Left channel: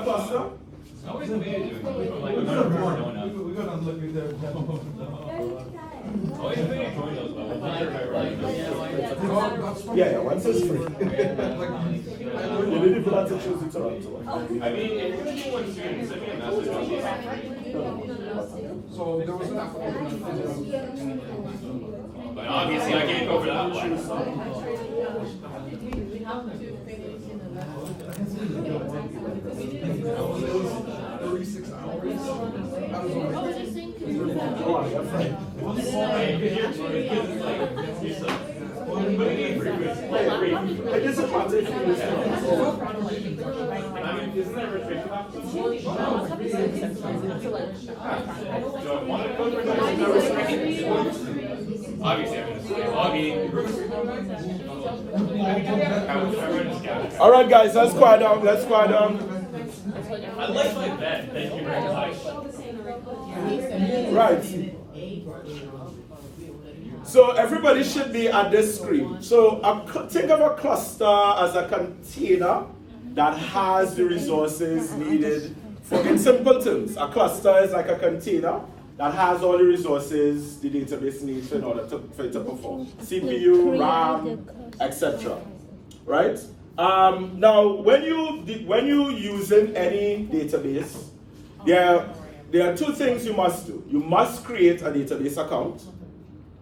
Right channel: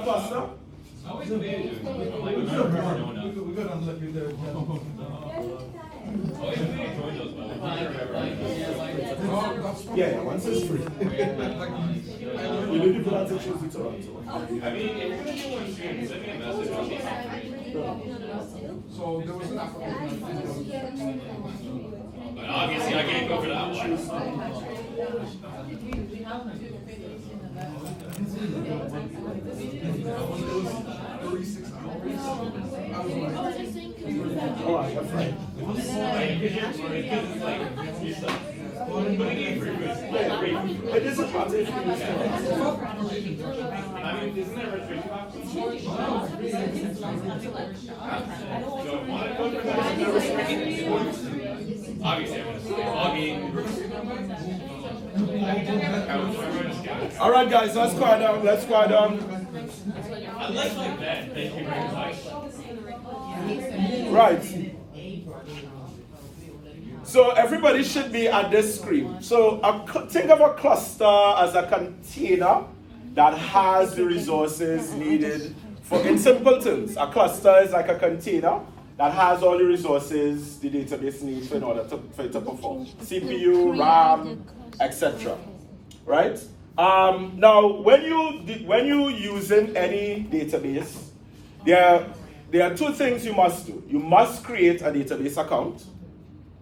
a cluster? We could have looked at that. Yeah, once it's free. You need to put that to choose each other. So there was an But obviously, I can't go for that one. 36 hours. I was on It is a transition. Isn't there a restriction obviously, I'm All right, guys, let's quiet down. Let's quiet down. I like my bed. Thank you very much. Right. So everybody should be at this screen. So think of a cluster as a container that has the resources needed for, in simple terms, a cluster is like a container that has all the resources the database needs in order for it to perform. CPU, RAM, etc. Right? Now, when you using any database, there are two things you must do. You must create a database account,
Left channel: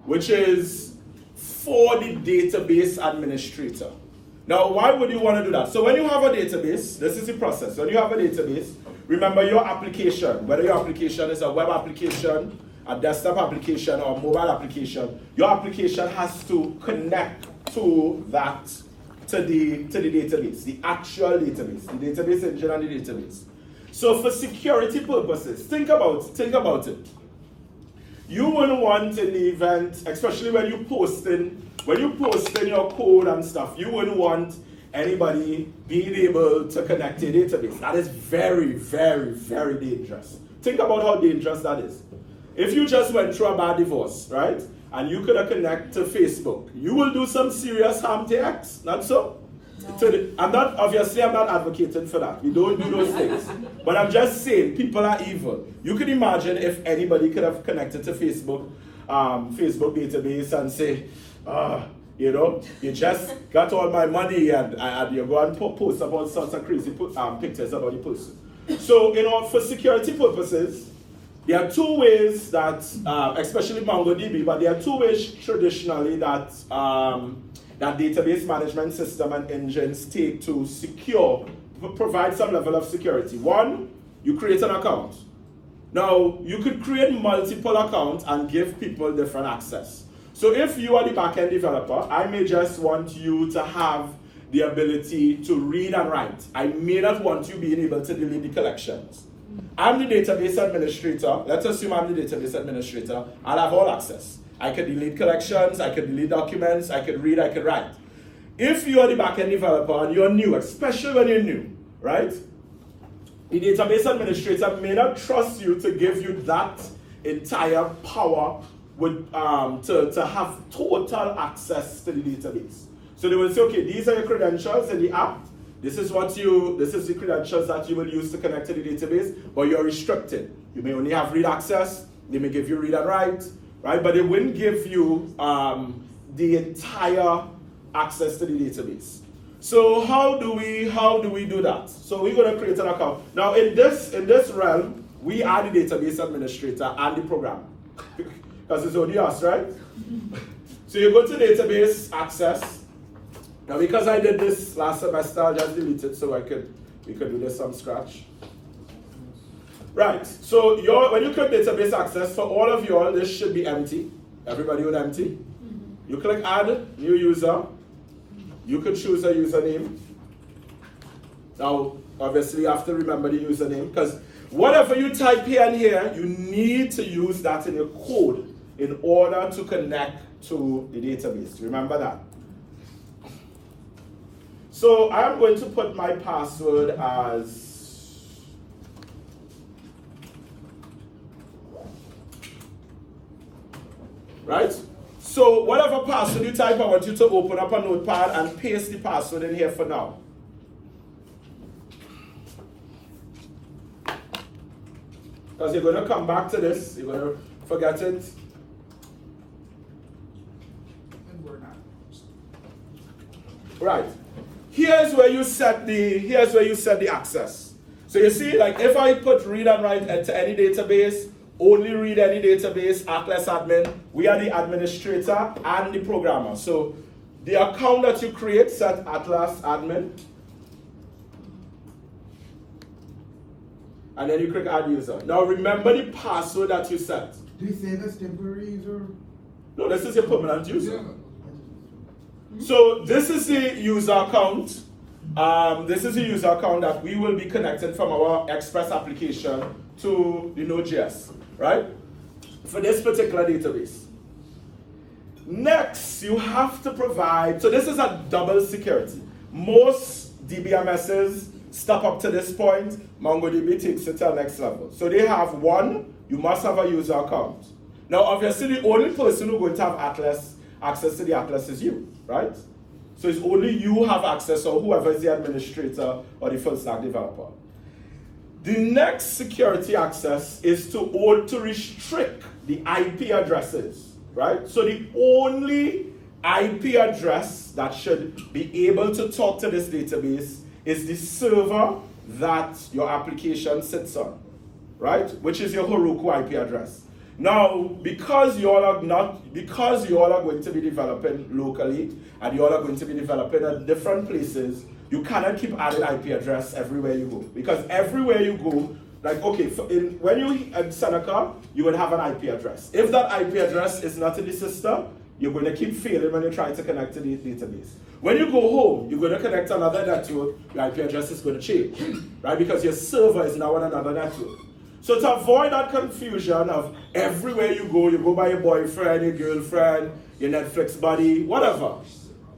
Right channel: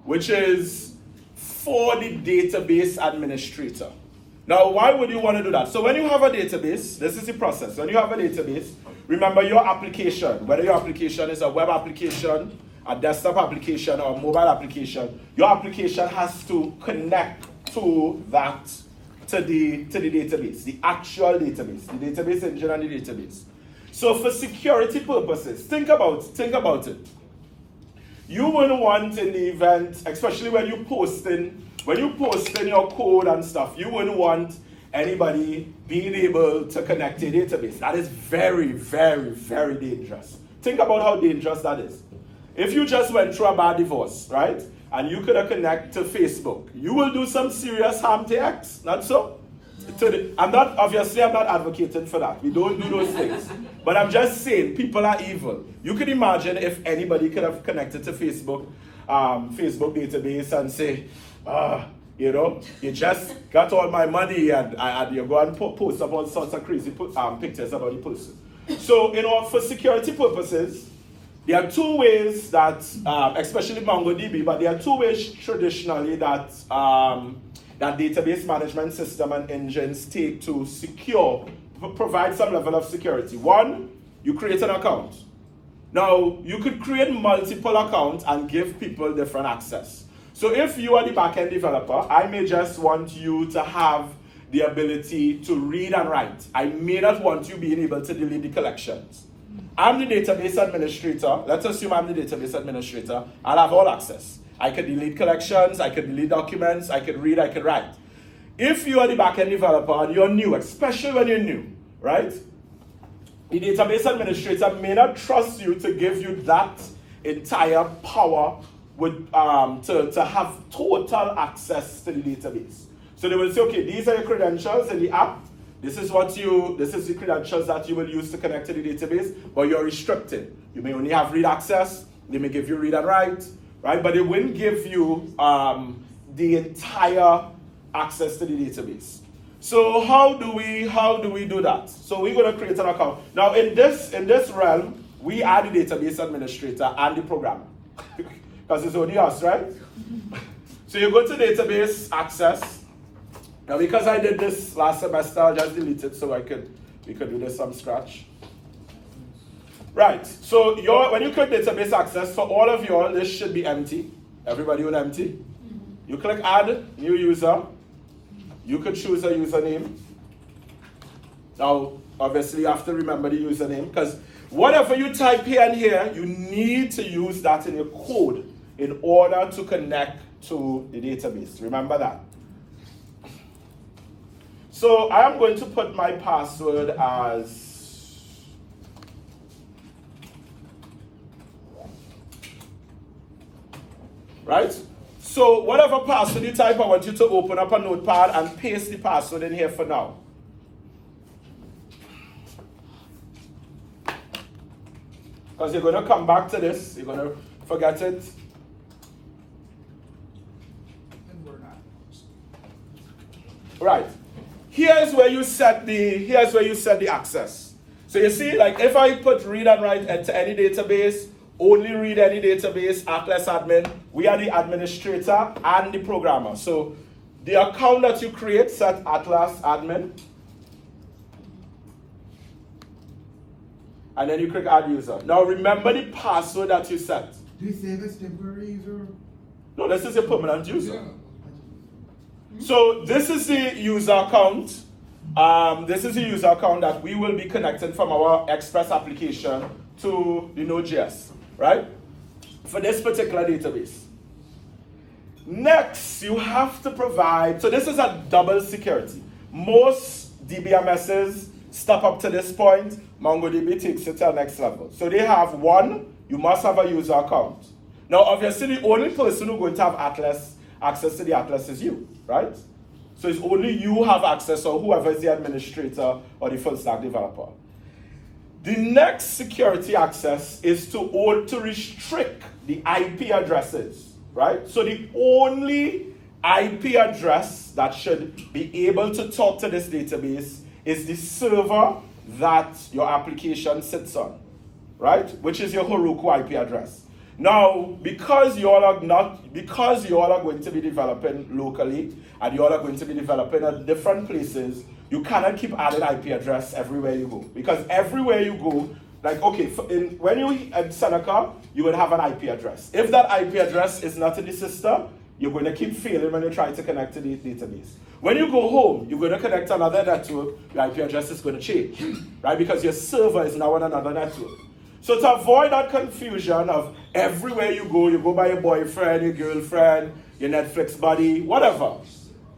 which is for the database administrator. Now, why would you want to do that? So when you have a database, this is the process. When you have a database, remember your application, whether your application is a web application, a desktop application, or a mobile application, your application has to connect to that, to the database, the actual database, the database engine and the database. So for security purposes, think about it. You wouldn't want in the event, especially when you posting your code and stuff, you wouldn't want anybody being able to connect to a database. That is very, very, very dangerous. Think about how dangerous that is. If you just went through a bad divorce, right, and you could connect to Facebook, you will do some serious harm to X, not so? I'm not advocating for that. We don't do those things. But I'm just saying, people are evil. You could imagine if anybody could have connected to Facebook database and say, you just got all my money and you go and post up all sorts of crazy pictures about the person. So, for security purposes, there are two ways that, especially MongoDB, but there are two ways traditionally that that database management system and engines take to provide some level of security. One, you create an account. Now, you could create multiple accounts and give people different access. So if you are the backend developer, I may just want you to have the ability to read and write. I may not want you being able to delete the collections. I'm the database administrator. Let's assume I'm the database administrator. I'll have all access. I could delete collections, I could delete documents, I could read, I could write. If you are the backend developer and you're new, especially when you're new, right? The database administrator may not trust you to give you that entire power to have total access to the database. So they will say, okay, these are your credentials in the app. This is the credentials that you will use to connect to the database, but you're restricted. You may only have read access. They may give you read and write, right? But they wouldn't give you the entire access to the database. So how do we do that? So we're going to create an account. Now in this realm, we are the database administrator and the programmer. Because it's only us, right? So you go to database access. Now because I did this last semester, I'll just delete it so we could do this from scratch. Right, so when you click database access, for all of you all, this should be empty. Everybody with empty. You click add new user. You could choose a username. Now, obviously you have to remember the username because whatever you type here and here, you need to use that in your code in order to connect to the database. Remember that. So I am going to put my password as right? So whatever password you type, I want you to open up a notepad and paste the password in here for now. because you're going to come back to this. You're going to forget it. And we're not. Right. Here's where you set the access. So you see, like if I put read and write to any database, only read any database, Atlas admin, we are the administrator and the programmer. So the account that you create, set Atlas admin. And then you click add user. Now remember the password that you set. Do you save as temporary user? No, this is a permanent user. Yeah. So this is the user account. This is the user account that we will be connected from our Express application to the Node.js, right? For this particular database. Next, you have to provide, so this is a double security. Most DBMSs step up to this point, MongoDB takes it to the next level. So they have one, you must have a user account. Now obviously the only person who's going to have Atlas, access to the Atlas is you, right? So it's only you have access, or whoever is the administrator or the full stack developer. The next security access is to restrict the IP addresses, right? So the only IP address that should be able to talk to this database is the server that your application sits on, right? Which is your Heroku IP address. Now, because you all are going to be developing locally and you all are going to be developing at different places, you cannot keep adding IP address everywhere you go. Because everywhere you go, like, okay, when you in Seneca, you would have an IP address. If that IP address is not in the system, you're going to keep failing when you try to connect to the database. When you go home, you're going to connect to another network, your IP address is going to change, right? Because your server is now on another network. So to avoid that confusion of everywhere you go by your boyfriend, your girlfriend, your Netflix buddy, whatever.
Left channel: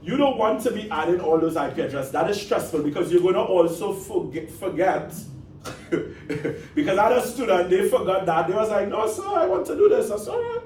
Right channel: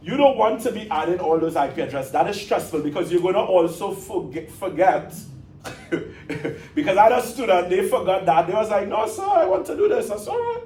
You don't want to be adding all those IP addresses. That is stressful because you're going to also forget. Because I had a student, they forgot that. They was like, no, sir, I want to do this. That's all right.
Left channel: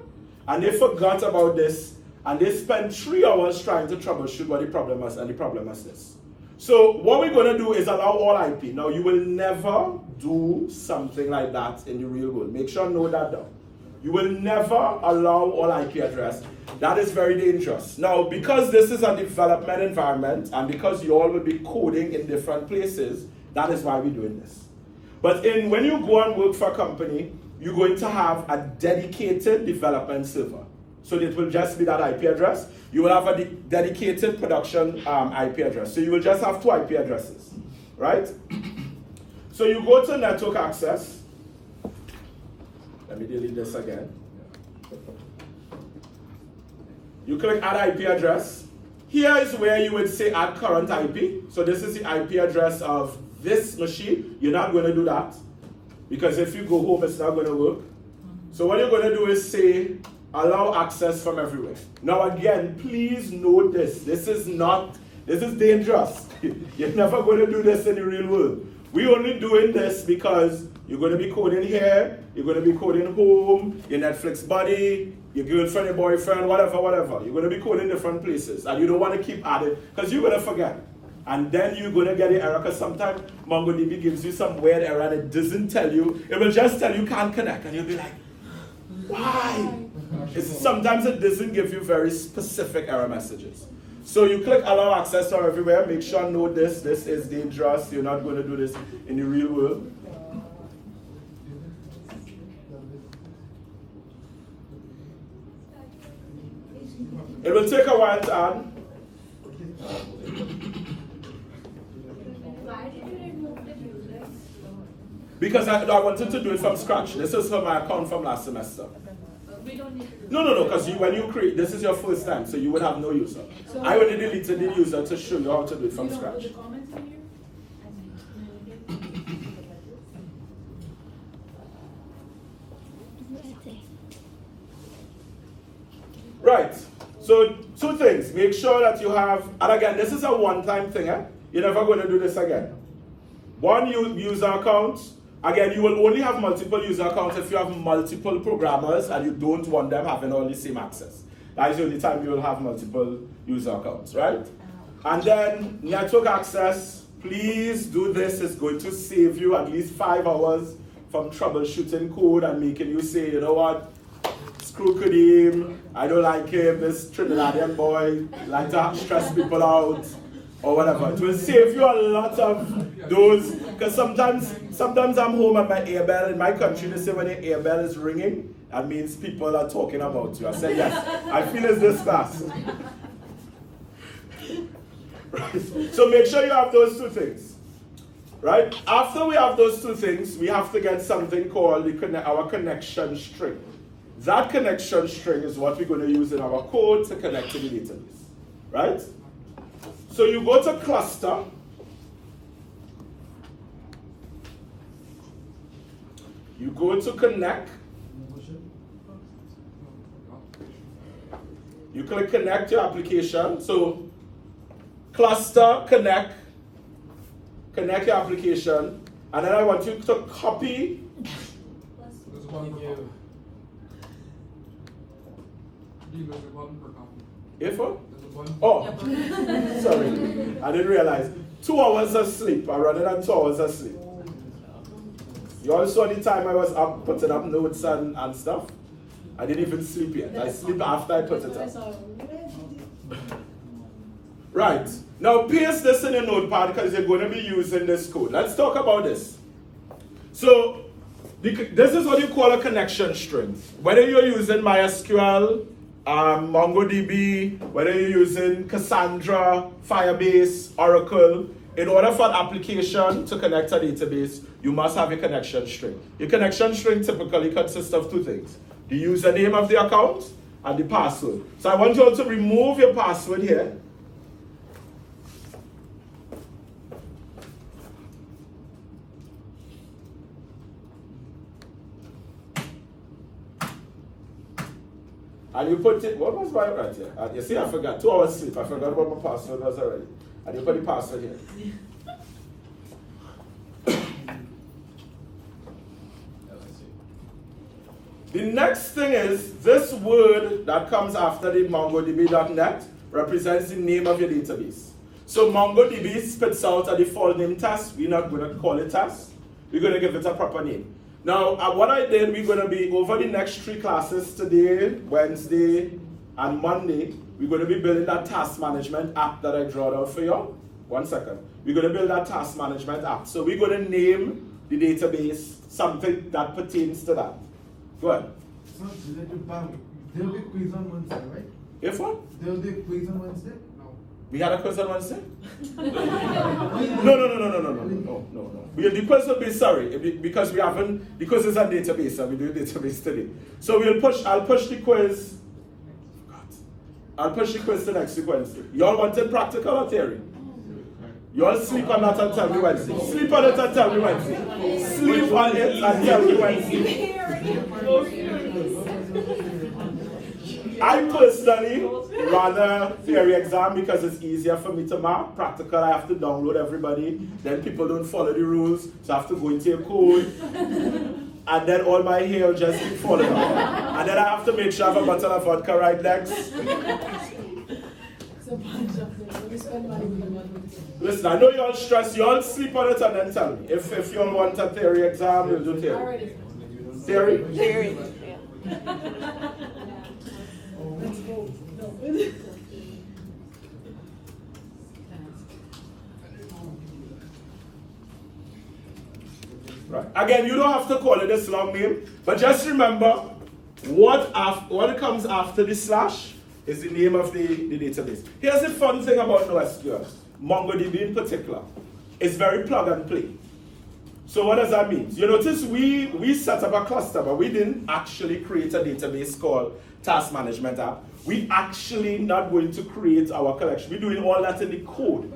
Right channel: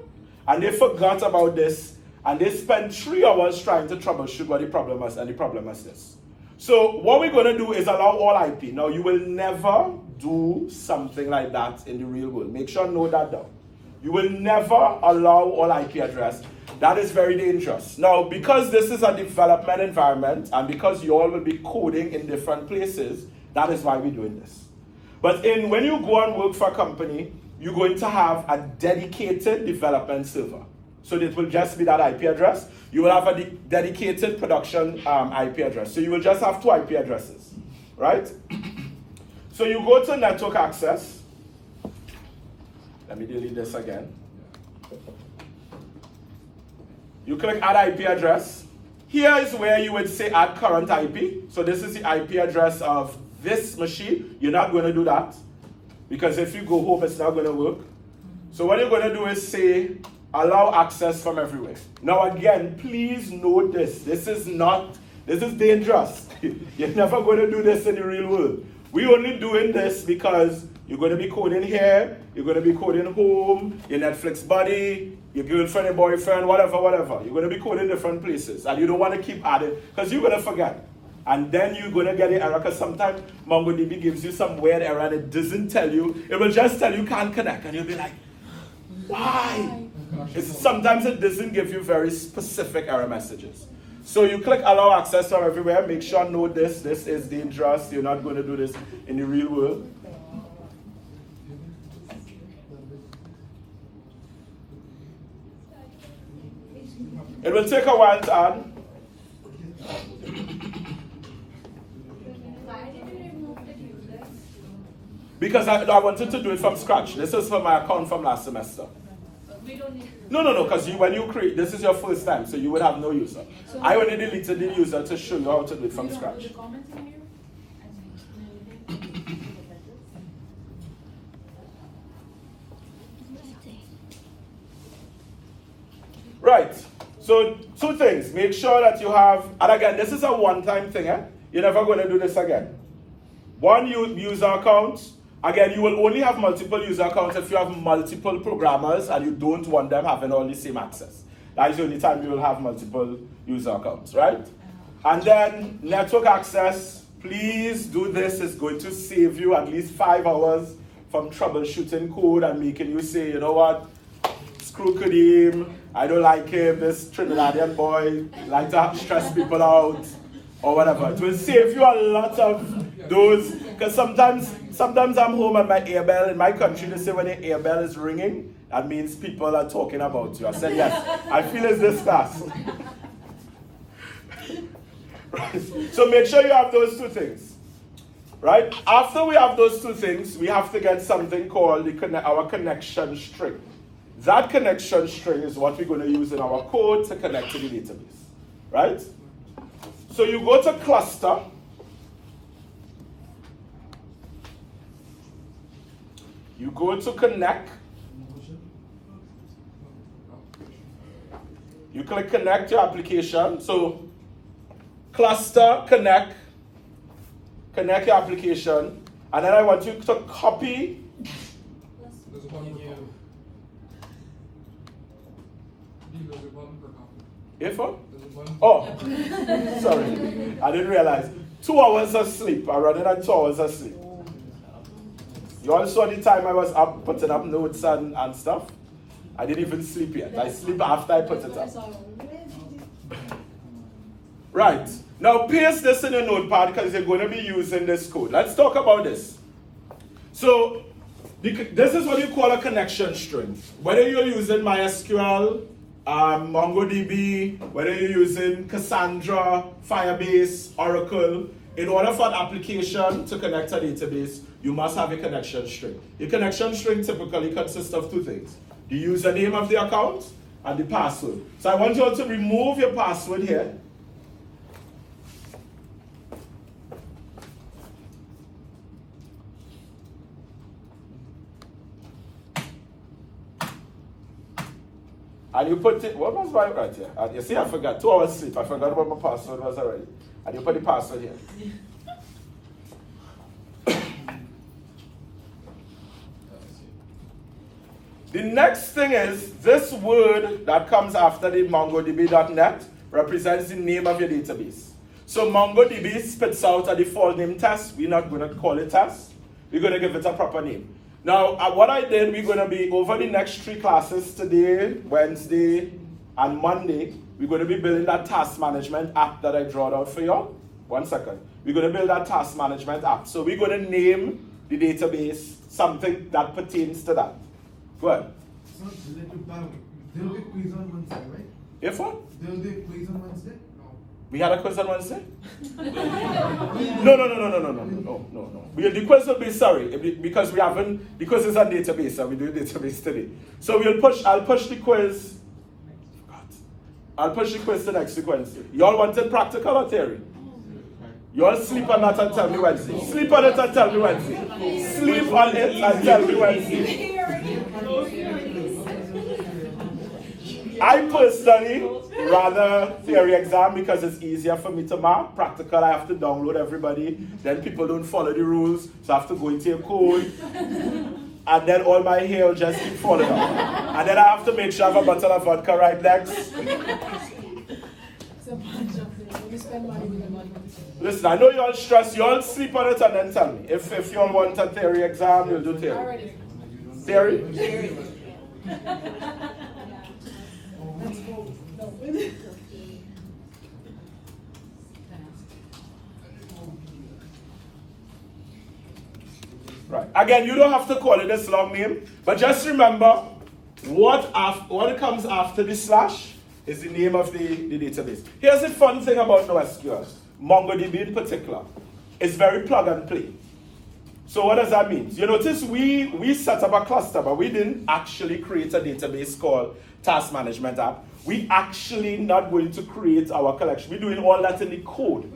And they forgot about this. And they spent 3 hours trying to troubleshoot what the problem was. And the problem was this. So what we're going to do is allow all IP. Now, you will never do something like that in the real world. Make sure you note that down. You will never allow all IP address. That is very dangerous. Now, because this is a development environment and because you all will be coding in different places, that is why we're doing this. But when you go and work for a company, you're going to have a dedicated development server. So it will just be that IP address. You will have a dedicated production IP address. So you will just have 2 IP addresses, right? So you go to network access. Let me delete this again. You click add IP address. Here is where you would say add current IP. So this is the IP address of this machine. You're not going to do that because if you go home, it's not going to work. So what you're going to do is say allow access from everywhere. Now again, please note this. This is dangerous. You're never going to do this in the real world. We're only doing this because you're going to be coding here, you're going to be coding home, your Netflix buddy, your girlfriend, your boyfriend, whatever. You're going to be coding different places. And you don't want to keep adding because you're going to forget. And then you're going to get an error because sometimes MongoDB gives you some weird error and it doesn't tell you. It will just tell you can't connect. And you'll be like, why? Sometimes it doesn't give you very specific error messages. So you click allow access from everywhere. Make sure note this. This is dangerous. You're not going to do this in the real world. It will take a while to add. Because I wanted to do it from scratch. This is for my account from last semester. We don't need to do No, because when you create, this is your first time, so you would have no user. So I only deleted the user to show you how to do it from scratch. the comments in here? Right. So 2 things. Make sure that you have, and again, this is a one-time thing. You're never going to do this again. 1 user account. Again, you will only have multiple user accounts if you have multiple programmers and you don't want them having all the same access. That is the only time you will have multiple user accounts, right? And then network access. Please do this. It's going to save you at least 5 hours from troubleshooting code and making you say, you know what, screw Kadeem, I don't like him, this Trinidadian boy, like to stress people out, or whatever. It will save you a lot of those, because sometimes I'm home and my earbell, in my country they say when the earbell is ringing, that means people are talking about you. I said yes, I feel it's this class. Right. So make sure you have those two things. Right? After we have those two things, we have to get something called our connection string. That connection string is what we're going to use in our code to connect to the database. Right? So you go to cluster. You go to connect. You click connect your application. So cluster, connect your application, and then I want you to copy. There's one per copy. There's one per copy. If what? There's one. Oh, sorry, I didn't realize. 2 hours of sleep, I rather than 2 hours of sleep. You all saw the time I was up putting up notes and stuff. I didn't even sleep yet. I sleep after I put it up. Right. Now paste this in your notepad because you're going to be using this code. Let's talk about this. So this is what you call a connection string. Whether you're using MySQL, MongoDB, whether you're using Cassandra, Firebase, Oracle, in order for an application to connect a database, you must have a connection string. Your connection string typically consists of two things: the username of the account and the password. So I want you all to remove your password here. And you put it, what was right here? You see, I forgot, 2 hours sleep. I forgot what my password was already. And you put the password here. The next thing is, this word that comes after the MongoDB.net represents the name of your database. So MongoDB spits out a default name test. We're not going to call it test. We're going to give it a proper name. Now, what I did, we're going to be over the next 3 classes today, Wednesday, and Monday. We're going to be building that task management app that I drawed out for you. 1 second. We're going to build that task management app. So we're going to name the database something that pertains to that. Go ahead. So, there'll be a quiz on Wednesday, right? If what? There'll be a quiz on Wednesday? No. We had a quiz on Wednesday? No. The quiz will be, because we haven't, because it's a database and we do database today. So I'll push the quiz. I'll push the quiz to next week Wednesday. Y'all wanted practical or theory? Y'all sleep on that and tell me Wednesday. Sleep on it and tell me Wednesday. Sleep on it and tell me Wednesday. I personally rather theory exam because it's easier for me to mark. Practical, I have to download everybody. Then people don't follow the rules, so I have to go into a code. And then all my hair will just be falling off. And then I have to make sure I have a bottle of vodka right next. Listen, I know you all stressed. You all sleep on it and then tell me. If you all want a theory exam, we'll do theory. Theory? Right. Again, you don't have to call it this long name, but just remember what comes after the slash is the name of the database. Here's the fun thing about NoSQL, MongoDB in particular. It's very plug and play. So what does that mean? You notice we set up a cluster, but we didn't actually create a database called Task Management App. We actually not going to create our collection. We're doing all that in the code.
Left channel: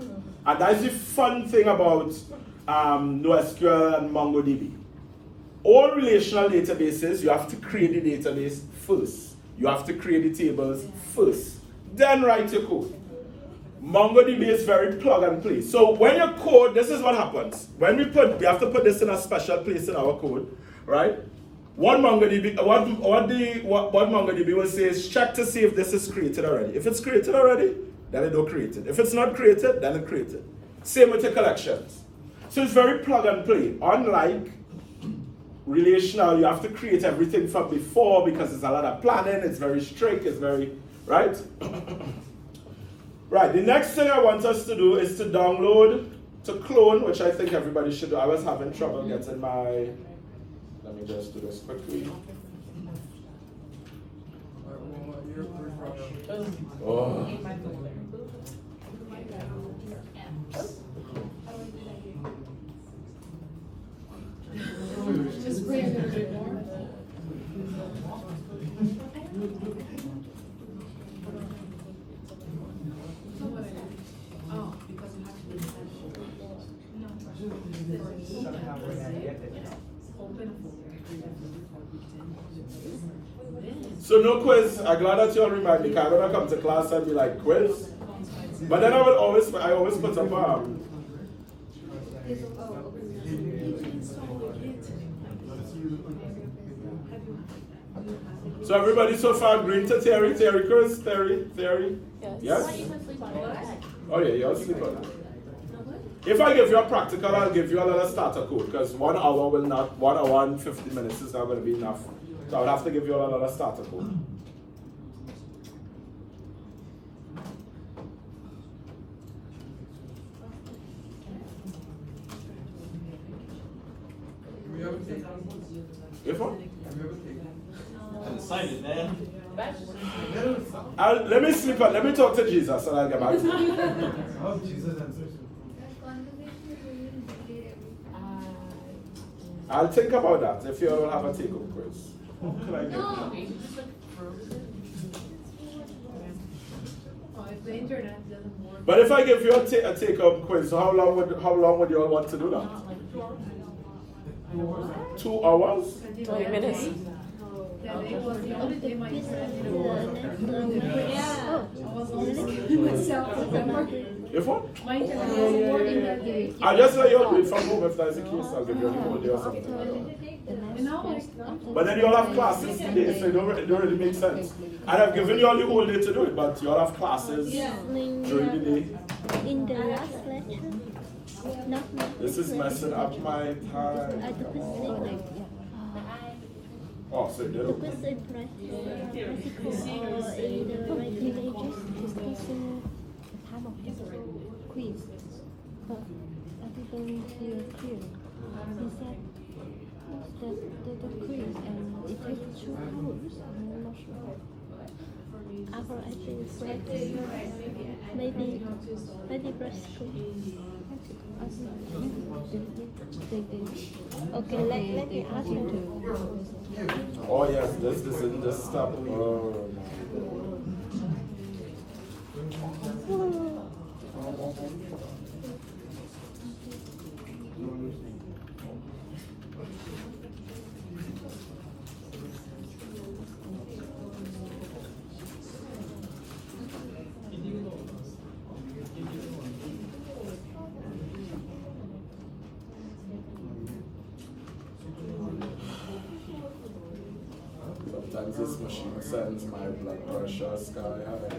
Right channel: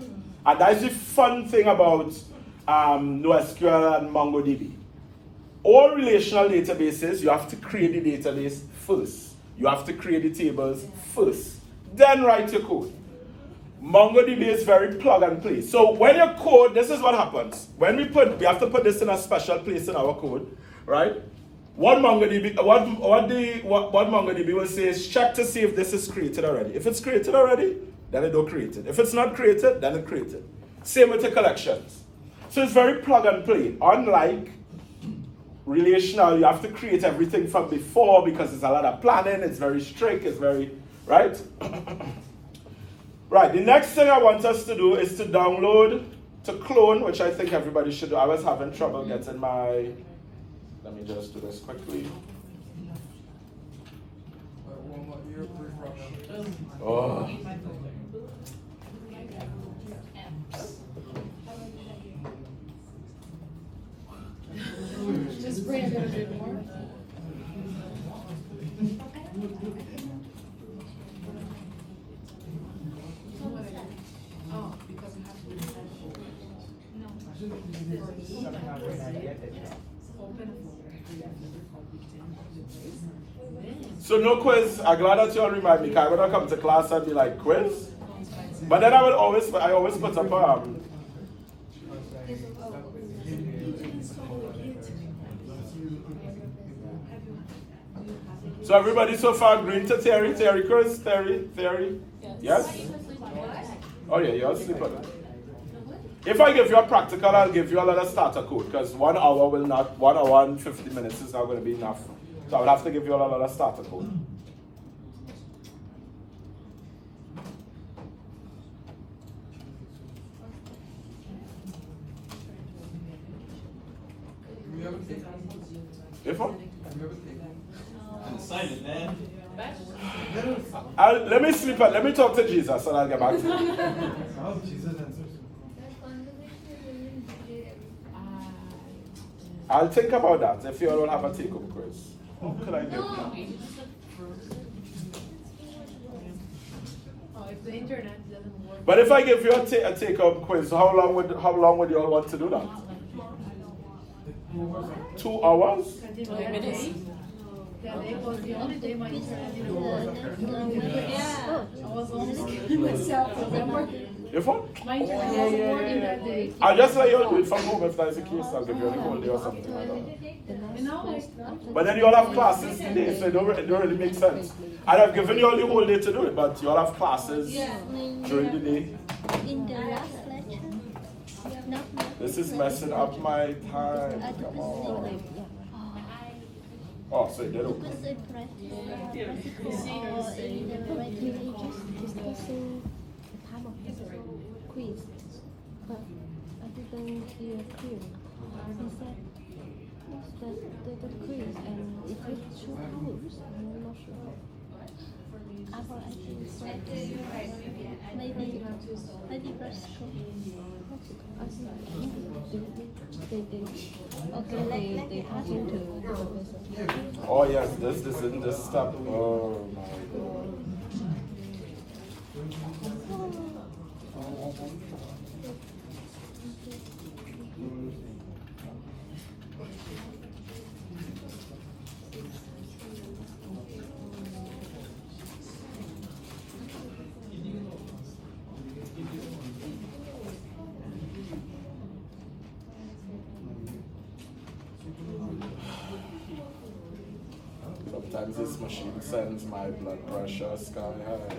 And that's the fun thing about NoSQL and MongoDB. All relational databases, you have to create the database first. You have to create the tables first. Then write your code. MongoDB is very plug and play. So when you code, this is what happens. When we have to put this in a special place in our code, right? What MongoDB will say is check to see if this is created already. If it's created already, then it don't create it. If it's not created, then it creates it. Same with the collections. So it's very plug and play. Unlike relational, you have to create everything from before because it's a lot of planning, it's very strict, it's very, right? Right, the next thing I want us to do is to download, to clone, which I think everybody should do. I was having trouble getting my, let me just do this quickly. Oh. Just pray a little bit more. Oh, because you have to be So no quiz. I'm glad that you all remind me. 'Cause I'm gonna come to class and be like quiz. But then I always put up So everybody so far agreeing to theory, quiz, theory. Yes? Oh yeah, you'll sleep on that. If I give you a practical, I'll give you a little starter code because 1 hour will not, 1 hour and 50 minutes is not going to be enough. So I'll have to give you a little starter code. We have a take. If what? We have a take. Sign it, Dad. Let me sleep on, let me talk to Jesus and I'll get back to you. How Jesus answers? I'll think about that if you all have a take-home quiz. What could I do? Oh, if the internet doesn't work. But if I give you a take-home quiz, so how long would you all want to do that? 2 hours? That day was the only day my internet didn't work. I was only myself because I'm working. If what? My internet wasn't working that day. I'll just let you all do it from home if that's the case. I'll give you a whole day or something like that. And almost. But then you all have classes today, so it don't really make sense. And I've given you all the whole day to do it, but you all have classes during the day. In the last lecture, This is messing up my time. Come on. Oh, so it the didn't. person practical or in the writing pages discussing part of the quiz. But I didn't hear clear. He said the quiz and it was 2 groups. I'm not sure. Our actually said maybe practical. Okay, let me ask you to. Oh yes, this isn't this stuff. Oh my Sometimes this machine sends my blood pressure sky high.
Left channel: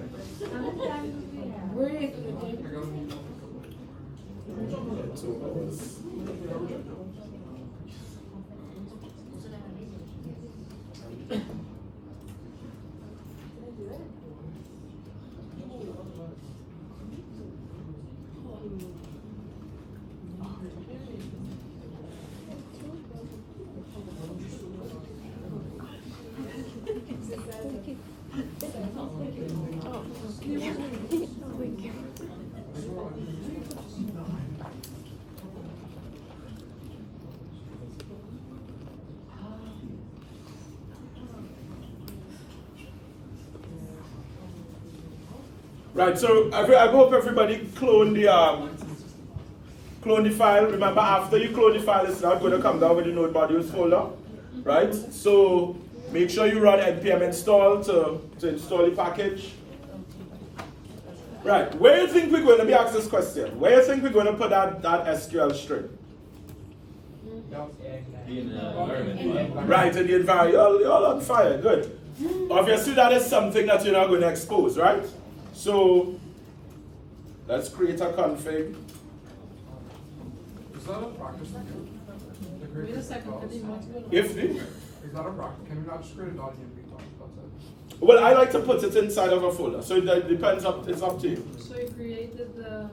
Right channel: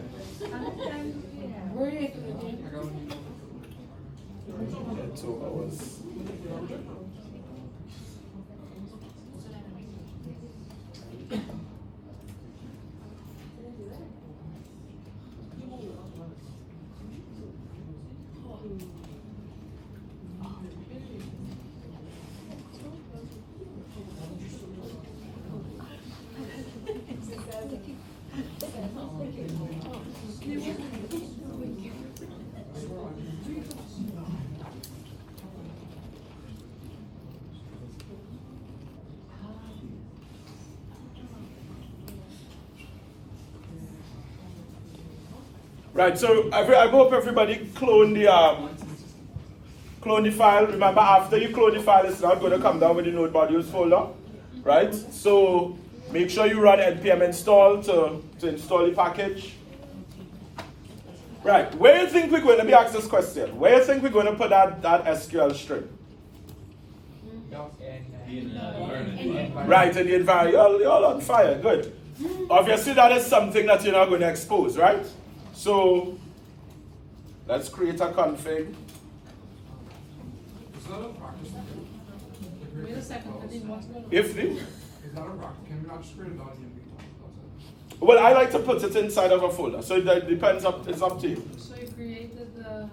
Breathe. 2 hours. Right, so I hope everybody clone the file. Remember, after you clone the file, it's not going to come down with the node modules folder, right? So make sure you run npm install to install the package. Right, where do you think we're going to be asked this question? Where do you think we're going to put that SQL string? Right, in the environment. You're all on fire, good. Obviously, that is something that you're not going to expose, right? So let's create a config. Is that a practice to do? create Wait a second, files? If the, Is that a rock? Can we not just create a .env file? That's it. well, I like to put it inside of a folder, so that depends. It's up to you. So you created the.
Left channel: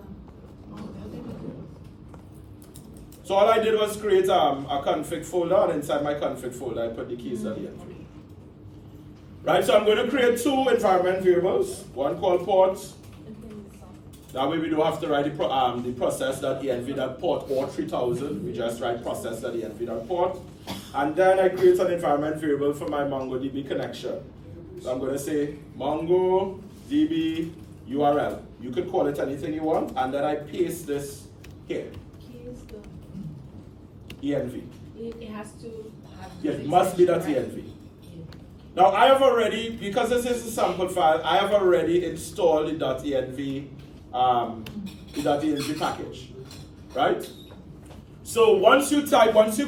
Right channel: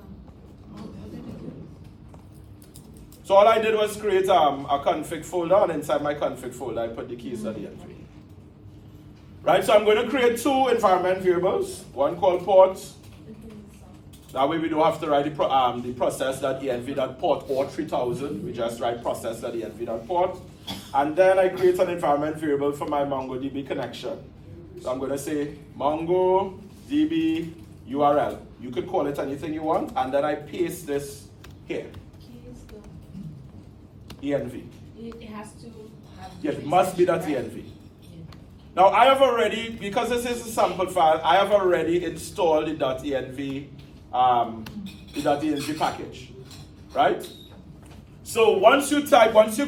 So all I did was create a config folder, and inside my config folder, I put the keys.env. Right, so I'm going to create two environment variables, one called ports. That way we don't have to write the process.env.port or 3000. We just write process.env.port. And then I create an environment variable for my MongoDB connection. So I'm going to say MongoDB URL. You could call it anything you want, and then I paste this here. env. It has to have. Yes, it must be that env. Now I have already, because this is a sample file, I have already installed the .env package, right? So once you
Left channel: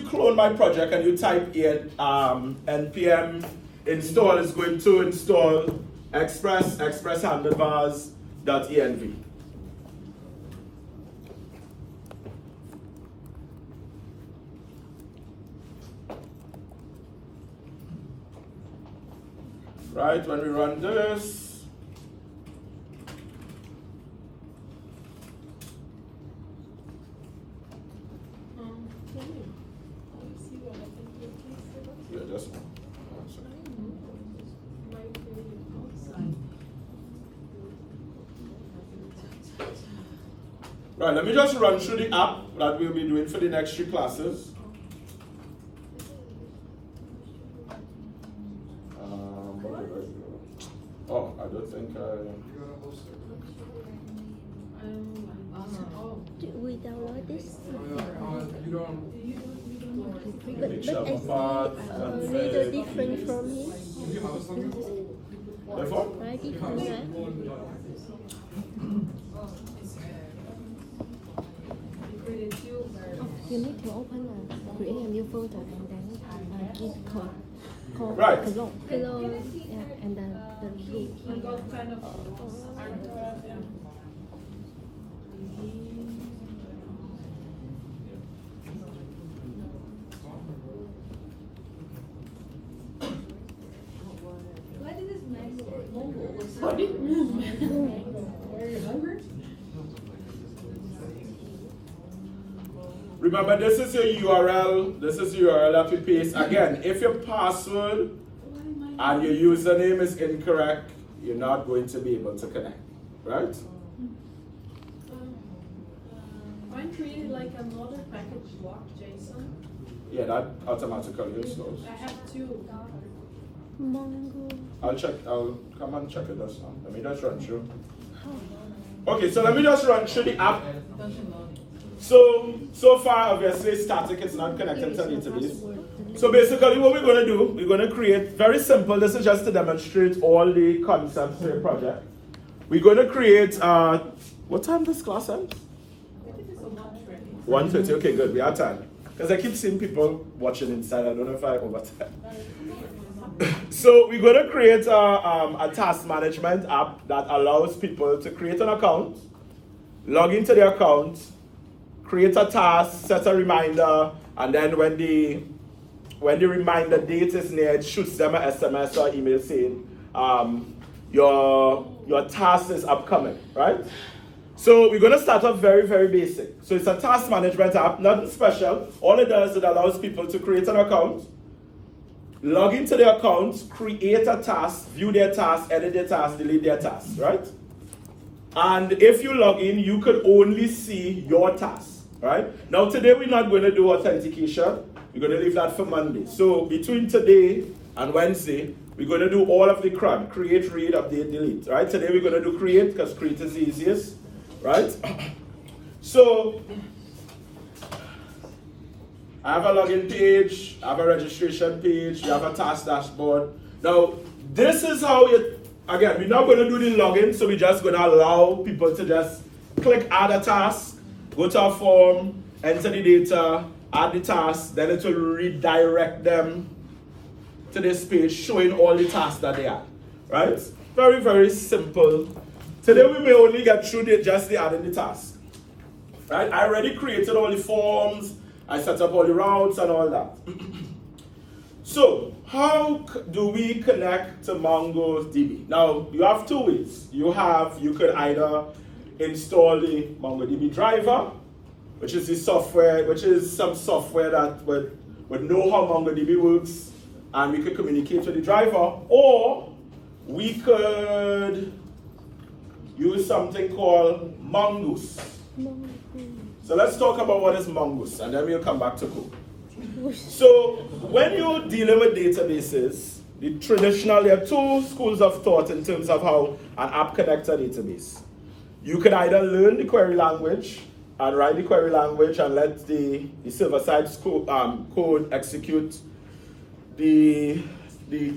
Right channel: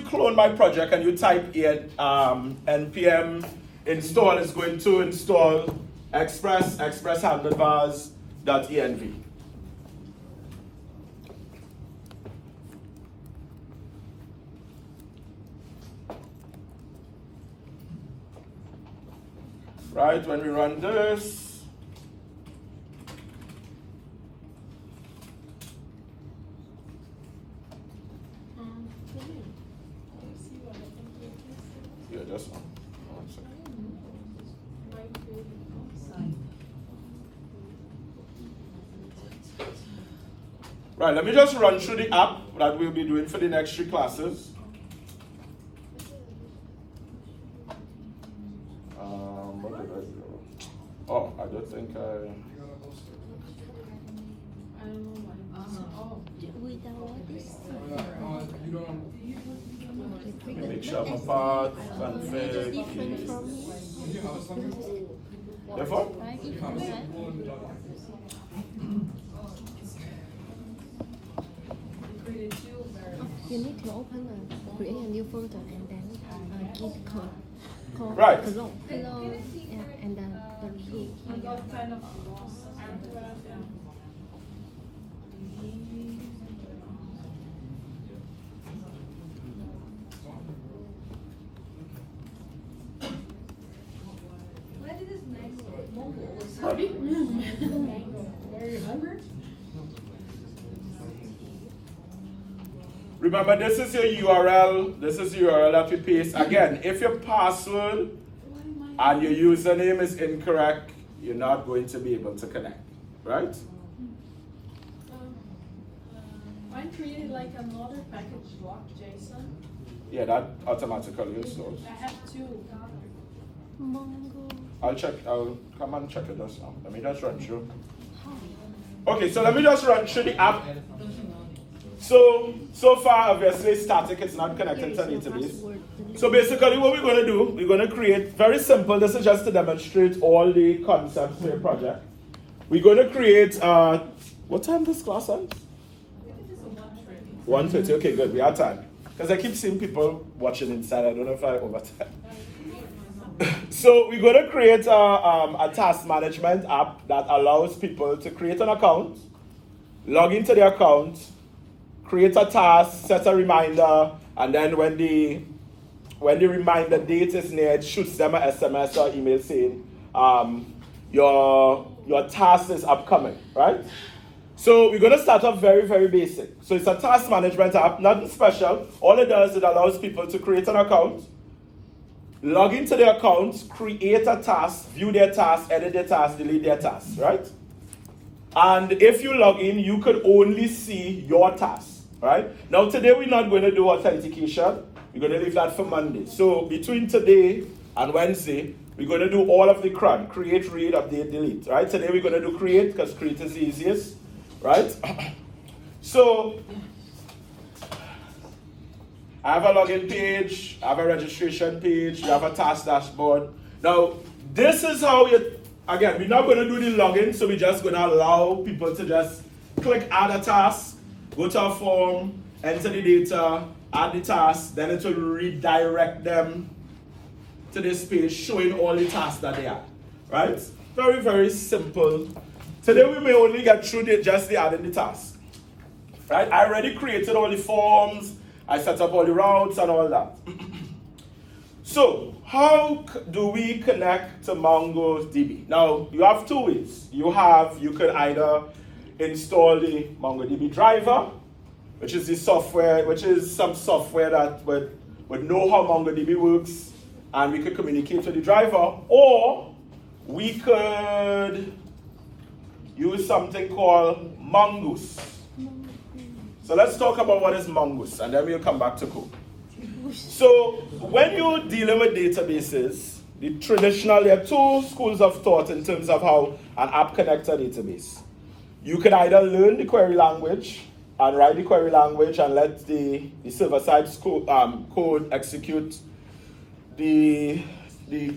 clone my project and you type in npm install, it's going to install express handlebars.env. Right, when we run this, yeah, just one second. Right, let me just run through the app that we'll be doing for the next 3 classes. Oh, I don't think You're gonna host it. We download this. You don't. Big Sharp apart, Really different from here. Do you have a something? Therefore, Right, different, right? You need to open create a new folder and then give code. Right. Hello, yeah, and then the V. remember this is your URL. This is the URL that we paste. Again, if your password and your username is incorrect, you're not going to be able to connect, right? Mine created like another package block JSON. Yeah, that automatically installs. I have 2. Mongo. I'll come and check it just now. Let me just run through. Okay, so let me just run through the app. So far, obviously, static, it's not connected to database. So basically what we're going to do, we're going to create, very simple, this is just to demonstrate all the concepts of the project. We're going to create, what time does class end? 1:30, okay, good, we are time. Because I keep seeing people watching inside, I don't know if I overtime. So we're going to create a task management app that allows people to create an account, log into the account, create a task, set a reminder, and then when the reminder date is near, it shoots them an SMS or email saying your task is upcoming, right? So we're going to start off very, very basic. So it's a task management app, nothing special. All it does, it allows people to create an account, log into their account, create a task, view their task, edit their task, delete their task, right? And if you log in, you could only see your task, right? Now today we're not going to do authentication. We're going to leave that for Monday. So between today and Wednesday, we're going to do all of the CRUD, create, read, update, delete, right? Today we're going to do create because create is the easiest, right? So I have a login page, I have a registration page, you have a task dashboard. Now, this is how you, again, we're not going to do the login, so we're just going to allow people to just click add a task, go to a form, enter the data, add the task, then it will redirect them to this page showing all the tasks that they have, right? Very, very simple. Today we may only get through just the adding the task, right? I already created all the forms, I set up all the routes and all that. So, how do we connect to MongoDB? Now, you have two ways. You could either install the MongoDB driver, which is the software, which is some software that would know how MongoDB works, and we could communicate with the driver, or we could use something called Mongoose. So let's talk about what is Mongoose, and then we'll come back to code. So when you're dealing with databases, there are two schools of thought in terms of how an app connects a database. You can either learn the query language and write the query language and let the server-side code execute the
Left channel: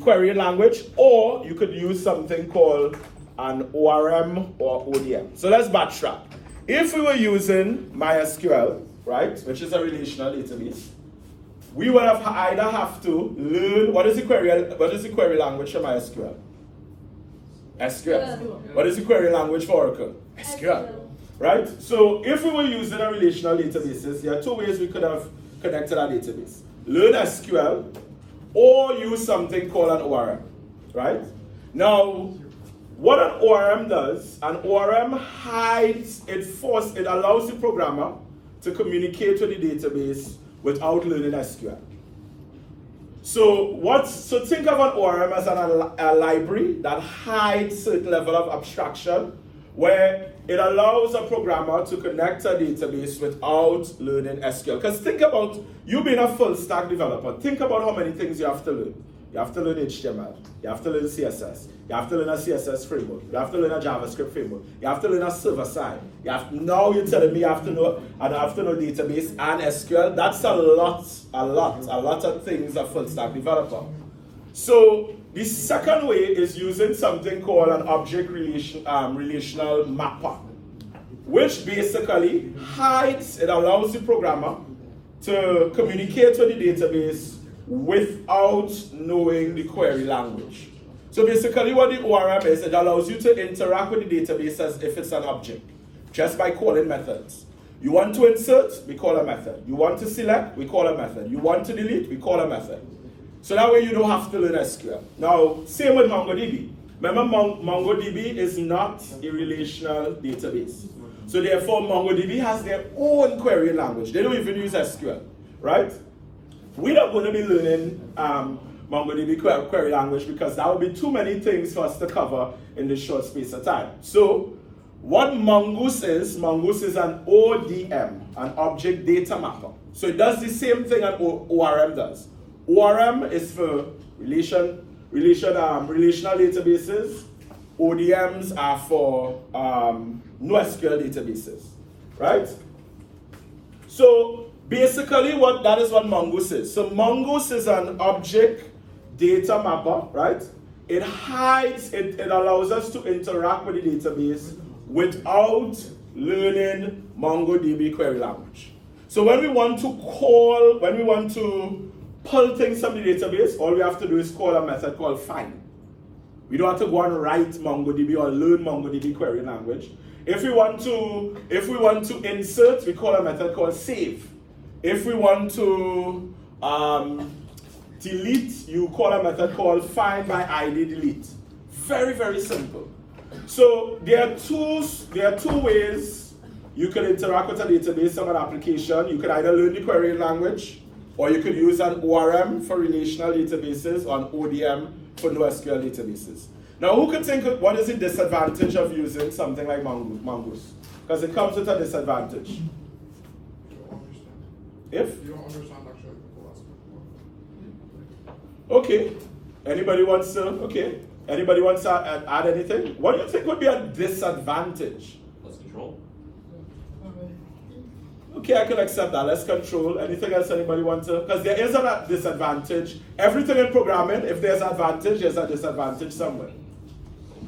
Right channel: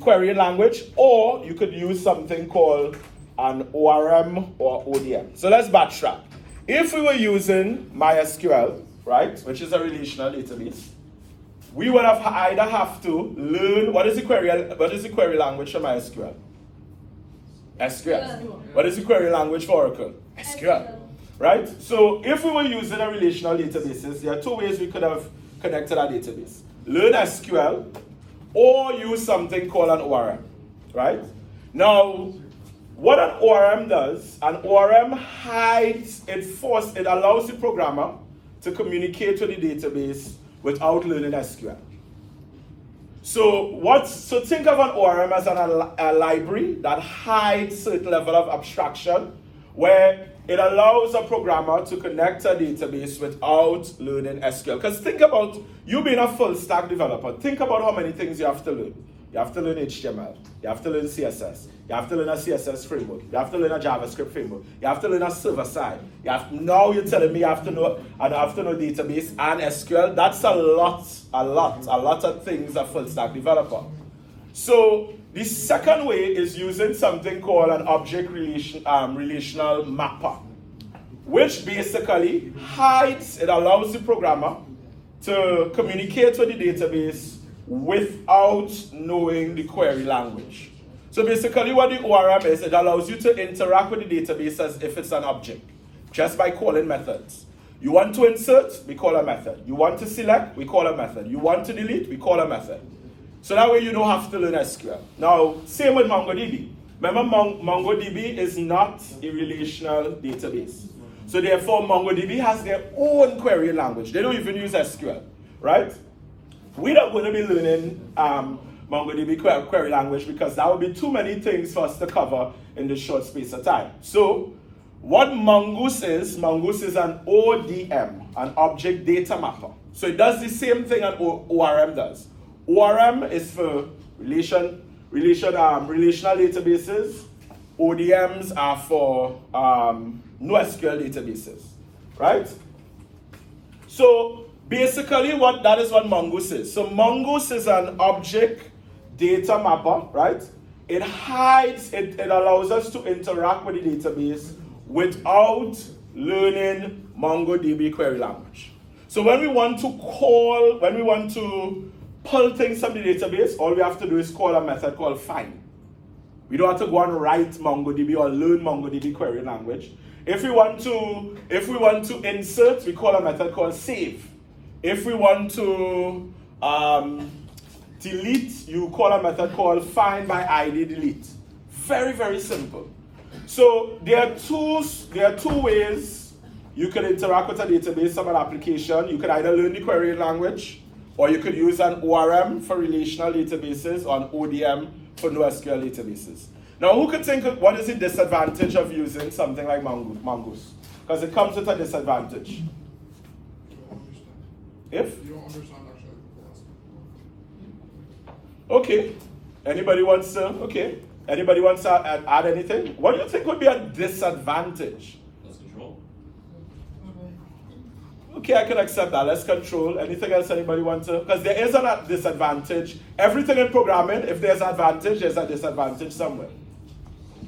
query language, or you could use something called an ORM or ODM. So let's backtrack. If we were using MySQL, right, which is a relational database, we would either have to learn what is the query language for MySQL? SQL. What is the query language for Oracle? SQL. Right? So if we were using a relational databases, there are two ways we could have connected our database. Learn SQL or use something called an ORM. Right? Now, what an ORM does, an ORM hides, it allows the programmer to communicate with the database without learning SQL. So think of an ORM as a library that hides certain level of abstraction, where it allows a programmer to connect a database without learning SQL. Because think about you being a full stack developer. Think about how many things you have to learn. You have to learn HTML. You have to learn CSS. You have to learn a CSS framework. You have to learn a JavaScript framework. You have to learn a server side. Now you're telling me you have to know database and SQL. That's a lot of things a full stack developer. So the second way is using something called an object relational mapper, which basically it allows the programmer to communicate with the database without knowing the query language. So basically what the ORM is, it allows you to interact with the database as if it's an object, just by calling methods. You want to insert, we call a method. You want to select, we call a method. You want to delete, we call a method. So that way you don't have to learn SQL. Now, same with MongoDB. Remember, MongoDB is not a relational database. So therefore, MongoDB has their own query language. They don't even use SQL, right? We're not going to be learning MongoDB query language because that would be too many things for us to cover in this short space of time. So what Mongoose is an ODM, an object data mapper. So it does the same thing an ORM does. ORM is for relational databases. ODMs are for NoSQL databases, right? So basically that is what Mongoose is. So Mongoose is an object data mapper, right? It hides, it allows us to interact with the database without learning MongoDB query language. So when we want to pull things from the database, all we have to do is call a method called find. We don't have to go and write MongoDB or learn MongoDB query language. If we want to insert, we call a method called save. If we want to delete, you call a method called find by ID delete. Very, very simple. So there are two ways you can interact with a database of an application. You can either learn the query language, or you could use an ORM for relational databases or an ODM for NoSQL databases. Now, who could think of what is the disadvantage of using something like Mongoose? Because it comes with a disadvantage. You don't understand actually the philosophy. Okay. Anybody wants to add anything? What do you think would be a disadvantage? Let's control. Okay, I can accept that. Let's control. Anything else anybody want to? Because there is a disadvantage. Everything in programming, if there's an advantage, there's a disadvantage somewhere.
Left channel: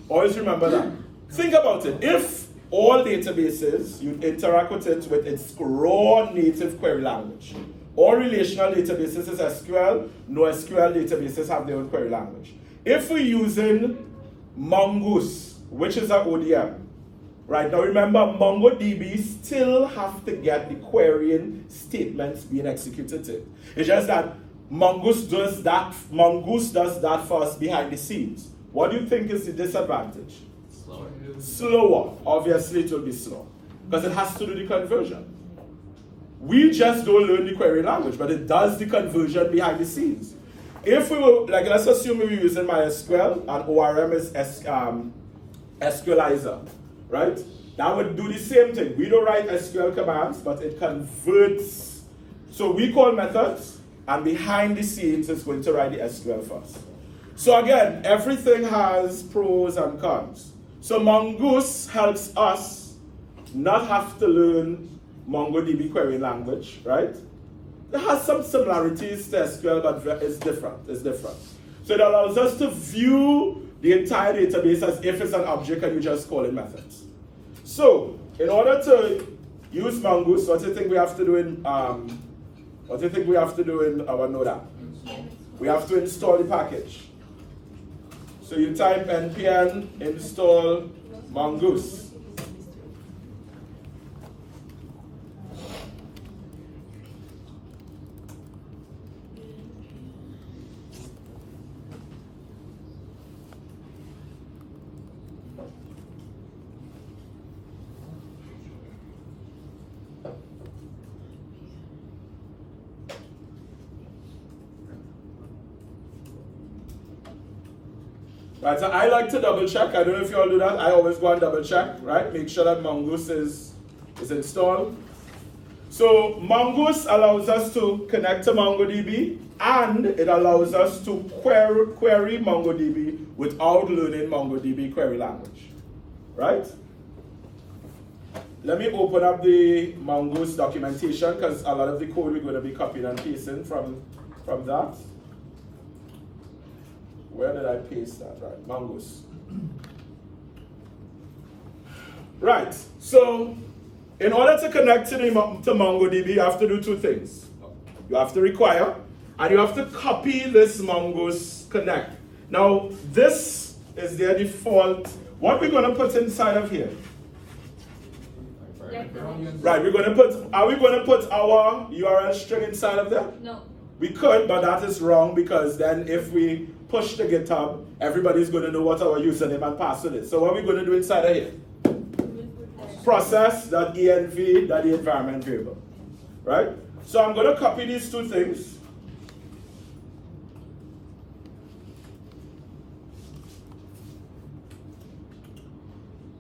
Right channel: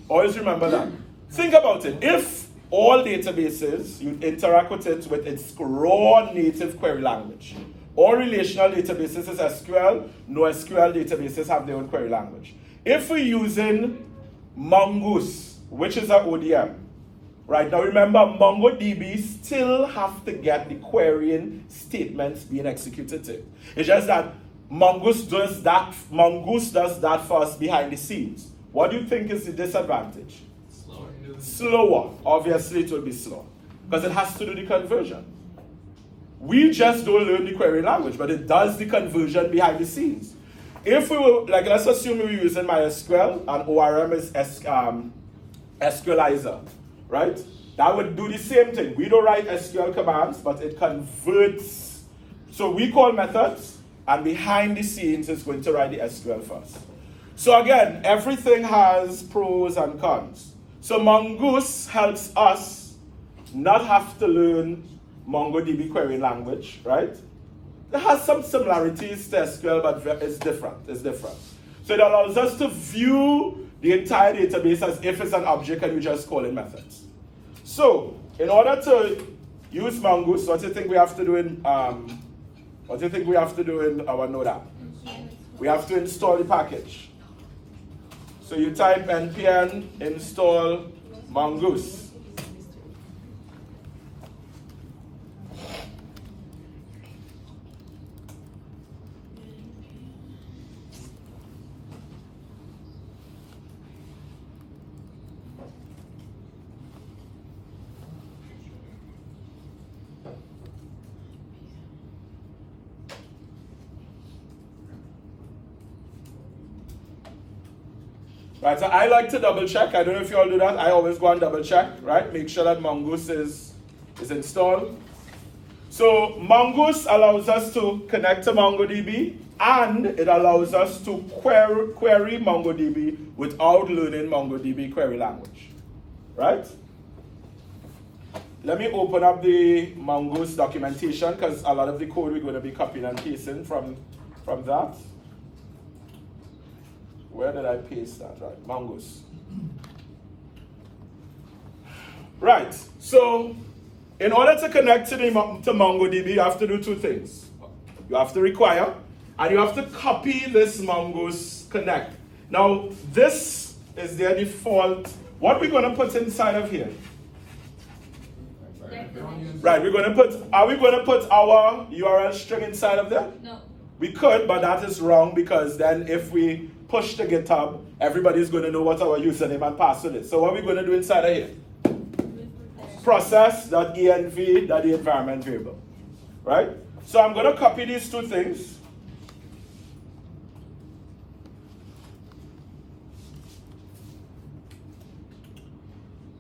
Always remember that. Think about it. If all databases, you interact with it with its raw native query language. All relational databases is SQL, NoSQL databases have their own query language. If we're using Mongoose, which is an ODM, Right, now remember, MongoDB still have to get the querying statements being executed to it. It's just that Mongoose does that for us behind the scenes. What do you think is the disadvantage? Slower. Obviously it will be slow. Because it has to do the conversion. We just don't learn the query language, but it does the conversion behind the scenes. If we were, like, let's assume we were using MySQL and ORM is SQLizer, right? That would do the same thing. We don't write SQL commands, but it converts. So we call methods, and behind the scenes, it's going to write the SQL first. So again, everything has pros and cons. So Mongoose helps us not have to learn MongoDB querying language, right? It has some similarities to SQL, but it's different. It's different. So it allows us to view the entire database as if it's an object and we just call it methods. So in order to use Mongoose, what do you think we have to do in our Node app? We have to install the package. So you type npm install Mongoose. Right, so I like to double check. I don't know if you all do that. I always go and double check, right? Make sure that Mongoose is installed. So Mongoose allows us to connect to MongoDB, and it allows us to query MongoDB without learning MongoDB query language, right? Let me open up the Mongoose documentation because a lot of the code we're going to be copying and pasting from that. Where did I paste that? Right, Mongoose. Right, so in order to connect to MongoDB, you have to do two things. You have to require, and you have to copy this Mongoose connect. Now, this is their default. What we're going to put inside of here? Right, are we going to put our URL string inside of there? No. We could, but that is wrong because then if we push the GitHub, everybody's going to know what our username and password is. So what are we going to do inside of here? Process.env, that the environment variable, right? So I'm going to copy these two things.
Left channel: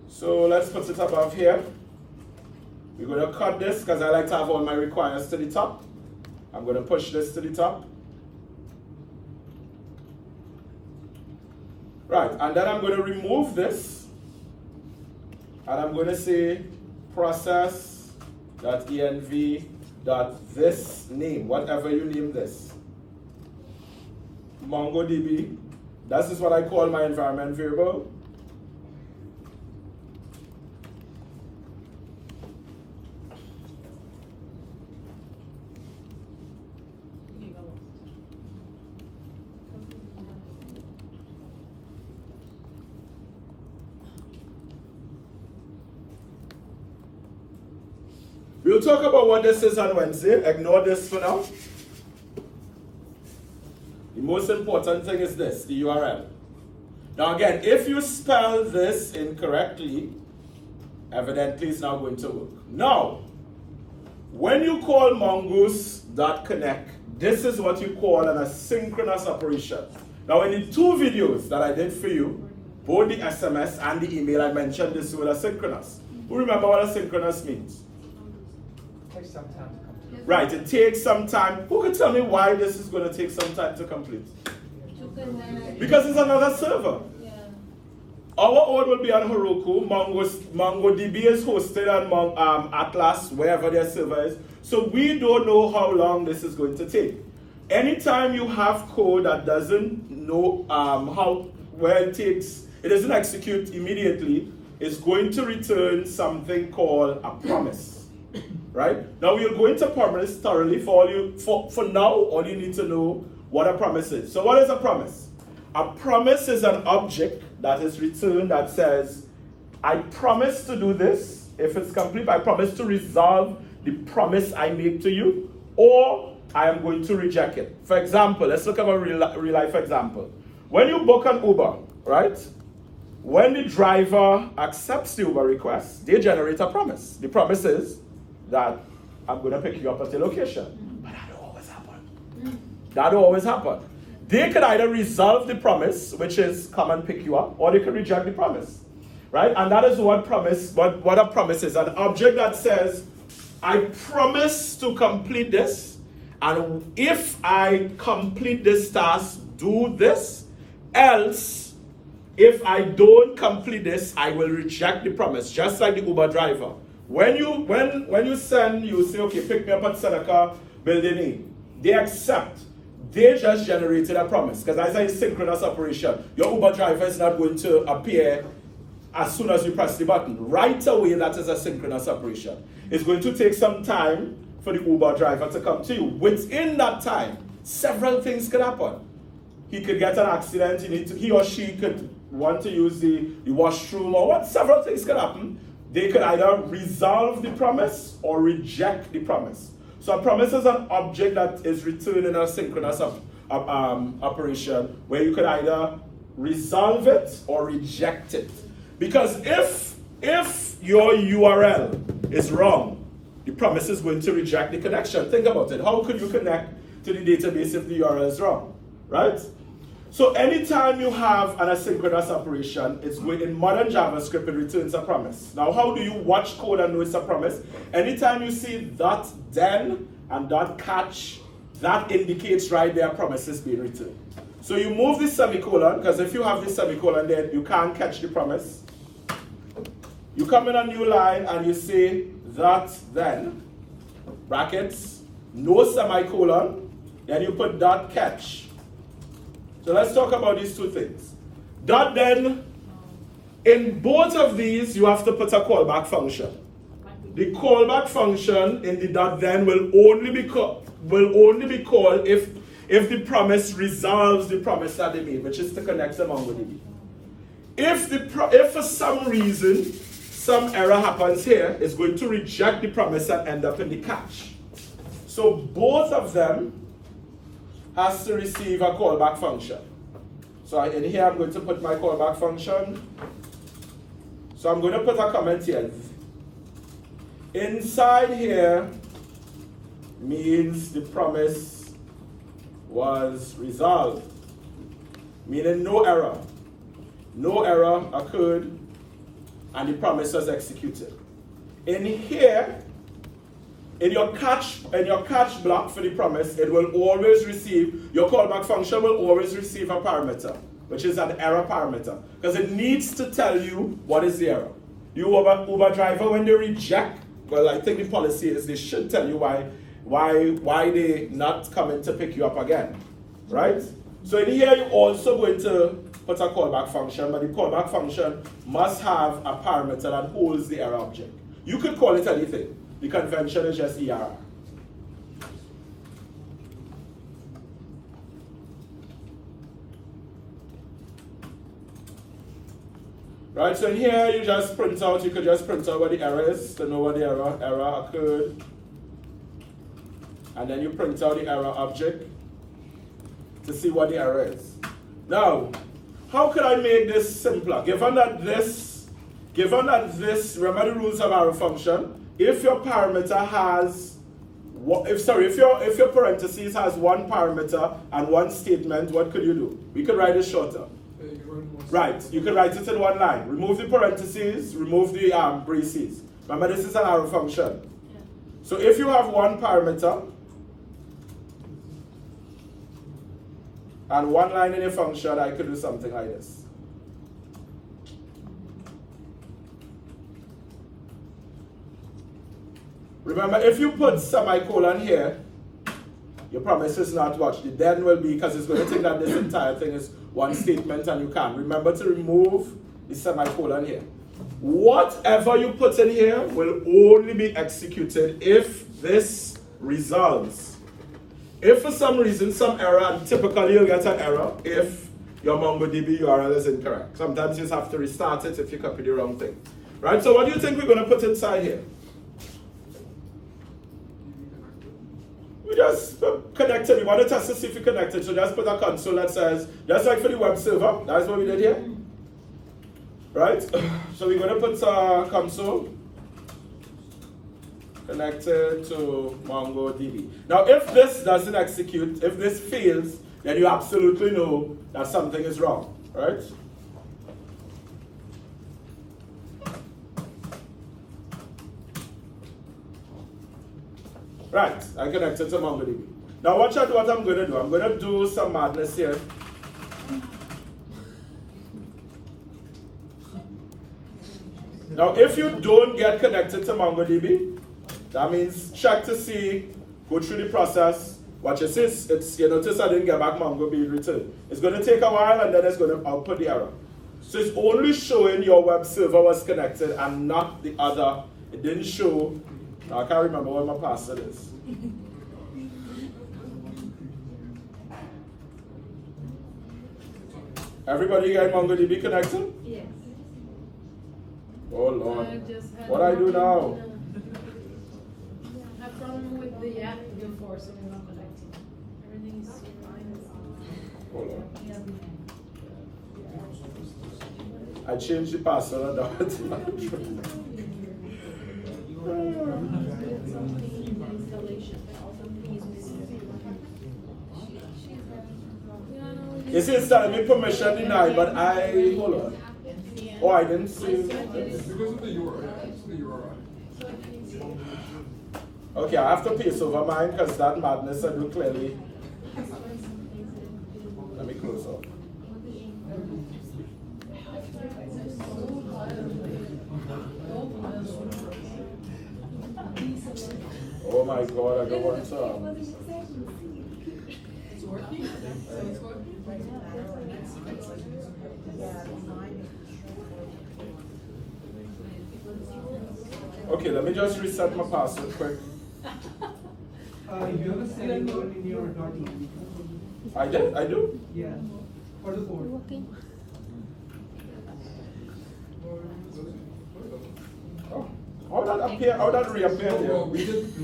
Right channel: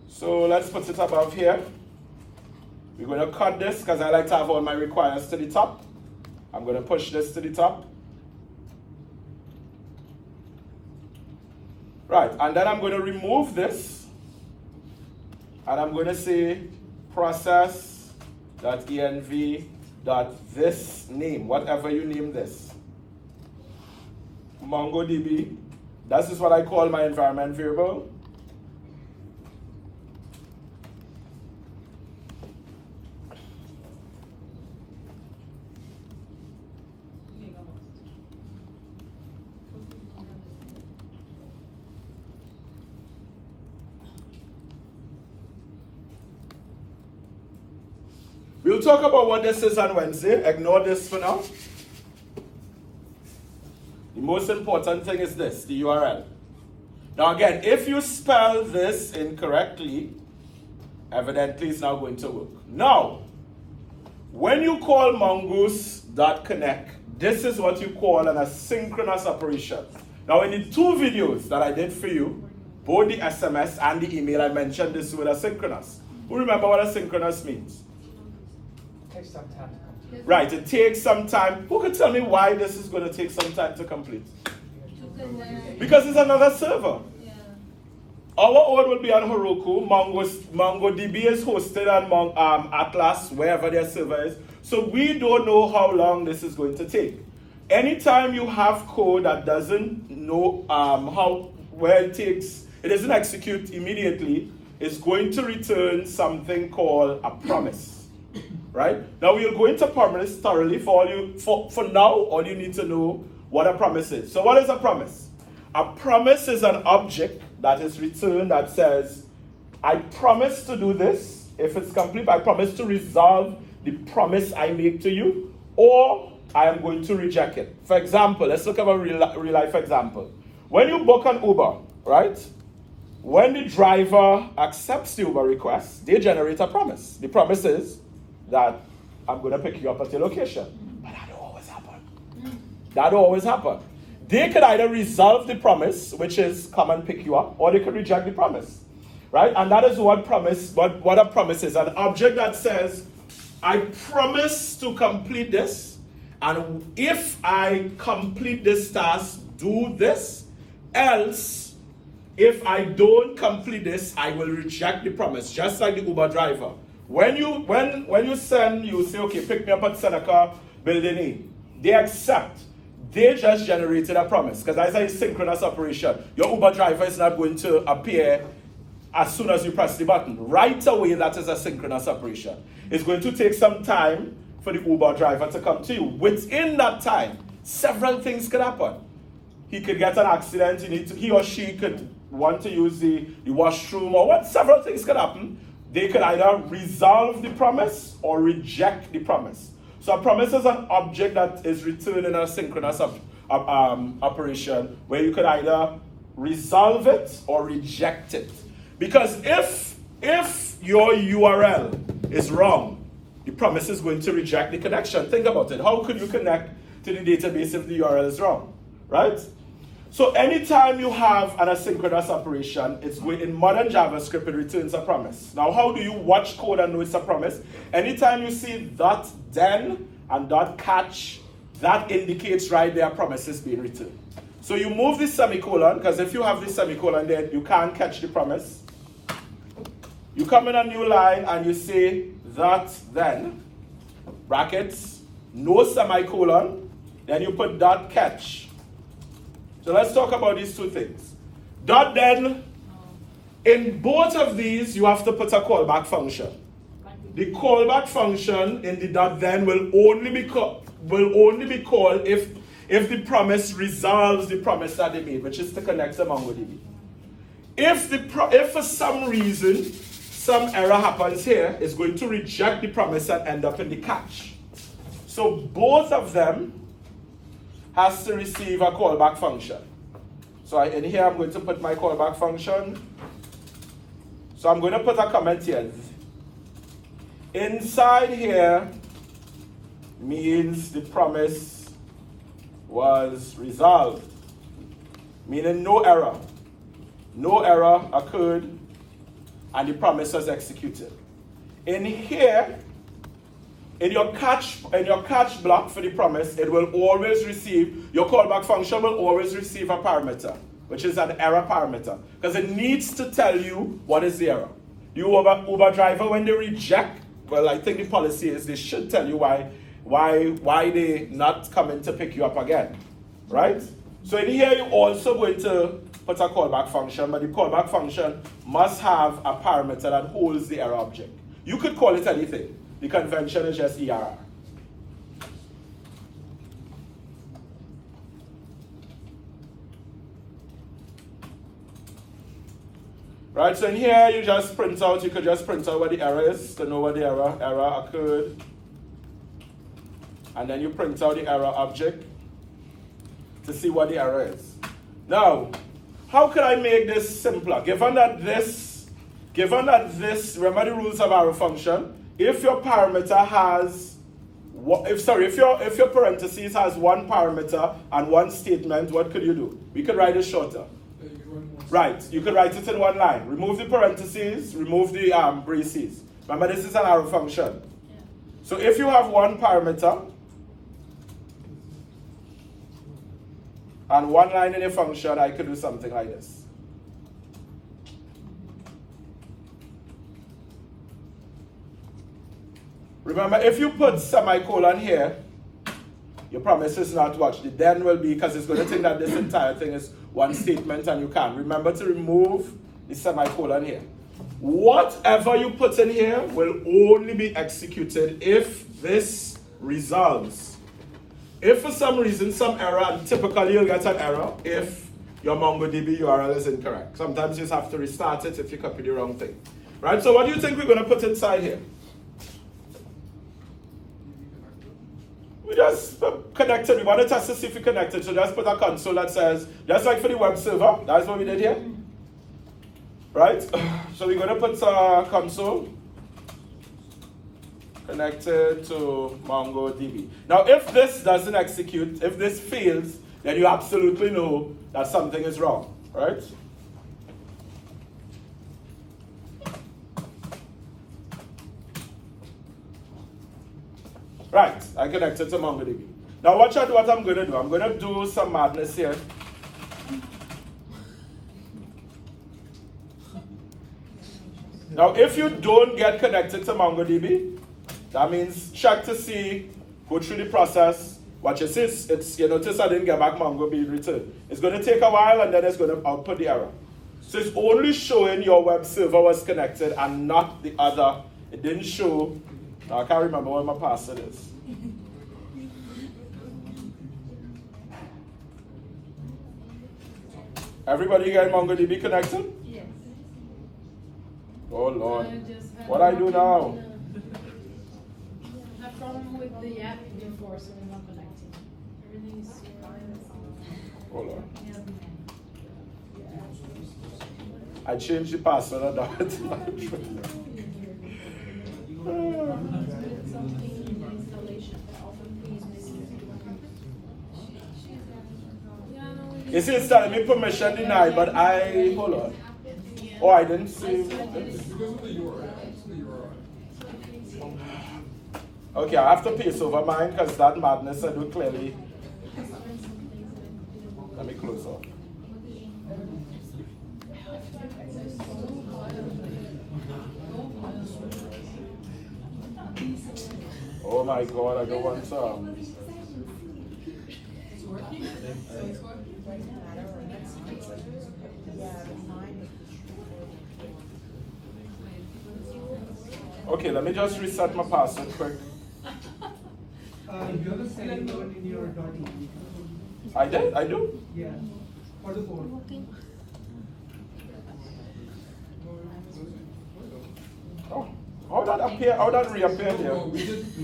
So let's put it above here. We're going to cut this because I like to have all my requires to the top. I'm going to push this to the top. Right, and then I'm going to remove this. And I'm going to say process.env.this name, whatever you name this. MongoDB. This is what I call my environment variable. We'll talk about what this is on Wednesday. Ignore this for now. The most important thing is this, the URL. Now again, if you spell this incorrectly, evidently it's not going to work. Now, when you call mongoose.connect, this is what you call an asynchronous operation. Now in the two videos that I did for you, both the SMS and the email, I mentioned this word asynchronous. Who remember what asynchronous means? Right, it takes some time. Who could tell me why this is going to take some time to complete? Because it's another server. Yeah. Our order will be on Heroku. MongoDB is hosted on Atlas, wherever their server is. So we don't know how long this is going to take. Anytime you have code that doesn't know it doesn't execute immediately, it's going to return something called a promise. Right? Now we'll go into promise thoroughly for now, all you need to know what a promise is. So what is a promise? A promise is an object that is returned that says, I promise to do this. If it's complete, I promise to resolve the promise I make to you, or I am going to reject it. For example, let's look at a real life example. When you book an Uber, right? When the driver accepts the Uber request, they generate a promise. The promise is that I'm going to pick you up at your location. But that don't always happen. That don't always happen. They could either resolve the promise, which is come and pick you up, or they could reject the promise. Right? And that is what a promise is. An object that says, I promise to complete this, and if I complete this task, do this, else, if I don't complete this, I will reject the promise, just like the Uber driver. When you send, you say, okay, pick me up at Seneca Building E. They accept. They just generated a promise. Because as a synchronous operation, your Uber driver is not going to appear as soon as you press the button. Right away, that is a synchronous operation. It's going to take some time for the Uber driver to come to you. Within that time, several things could happen. He could get an accident, he or she could want to use the washroom, or what, several things could happen. They could either resolve the promise or reject the promise. So a promise is an object that is returned in a synchronous operation where you could either resolve it or reject it. Because if your URL is wrong, the promise is going to reject the connection. Think about it. How could you connect to the database if the URL is wrong, right? So anytime you have an asynchronous operation, it's in modern JavaScript, it returns a promise. Now, how do you watch code and know it's a promise? Anytime you see .then and .catch, that indicates right there promise is being returned. So you move the semicolon, because if you have the semicolon there, you can't catch the promise. You come in a new line and you say .then, brackets, no semicolon, then you put .catch. So let's talk about these two things. .then, in both of these, you have to put a callback function. The callback function in the .then will only be called if the promise resolves the promise that they made, which is to connect to MongoDB. If for some reason some error happens here, it's going to reject the promise and end up in the catch. So both of them has to receive a callback function. So in here I'm going to put my callback function. So I'm going to put a comment here. Inside here means the promise was resolved, meaning no error. No error occurred and the promise was executed. In here, in your catch block for the promise, it will always receive, your callback function will always receive a parameter, which is an error parameter, because it needs to tell you what is the error. You Uber driver, when they reject, well, I think the policy is they should tell you why they not coming to pick you up again, right? So in here, you're also going to put a callback function, but the callback function must have a parameter that holds the error object. You could call it anything. The convention is just ERR. Right, so in here you just print out, you could just print out what the error is to know what the error occurred. And then you print out the error object to see what the error is. Now, how could I make this simpler? Given that this, remember the rules of arrow function, if your parameter has, if your parentheses has one parameter and one statement, what could you do? We could write it shorter. Right, you could write it in one line. Remove the parentheses, remove the braces. Remember, this is an arrow function. Yeah. So if you have one parameter and one line in a function, I could do something like this. Remember, if you put semicolon here, your promise is not watched. The then will be, because it's going to think that this entire thing is one statement and you can't. Remember to remove the semicolon here. Whatever you put in here will only be executed if this resolves. If for some reason, some error, and typically you'll get an error if your MongoDB URL is incorrect. Sometimes you just have to restart it if you copy the wrong thing. Right, so what do you think we're going to put inside here? We just connected. We want to test to see if we connected. So just put a console that says, just like for the web server, that's what we did here. Right? So we're going to put a console connected to MongoDB. Now, if this doesn't execute, if this fails, then you absolutely know that something is wrong. Right? Right, I connected to MongoDB. Now watch out what I'm going to do. I'm going to do some madness here. Now if you don't get connected to MongoDB, that means check to see, go through the process. Watch it, it's you notice I didn't get back MongoDB return. It's going to take a while and then it's going to output the error. So it's only showing your web server was connected and not the other. It didn't show. I can't remember what my password is. Everybody get MongoDB connected? Yes. Oh Lord. What do I do now? I have problem with the app before, so we're not connecting. Everything's fine. Oh Lord. Yeah. I changed the password and now it's not It's still telling me permission denied, but hold on. Oh, I didn't see. It's because of the URL. It's the URL. Okay, I have to paste over mine because that madness I do clearly. Let me close up. Oh my God, I don't want some. Okay, let me just reset my password quick. You have a select button in your .env. I did? I do? Yeah. For the code. Oh, how that appear? How that reappear here? We just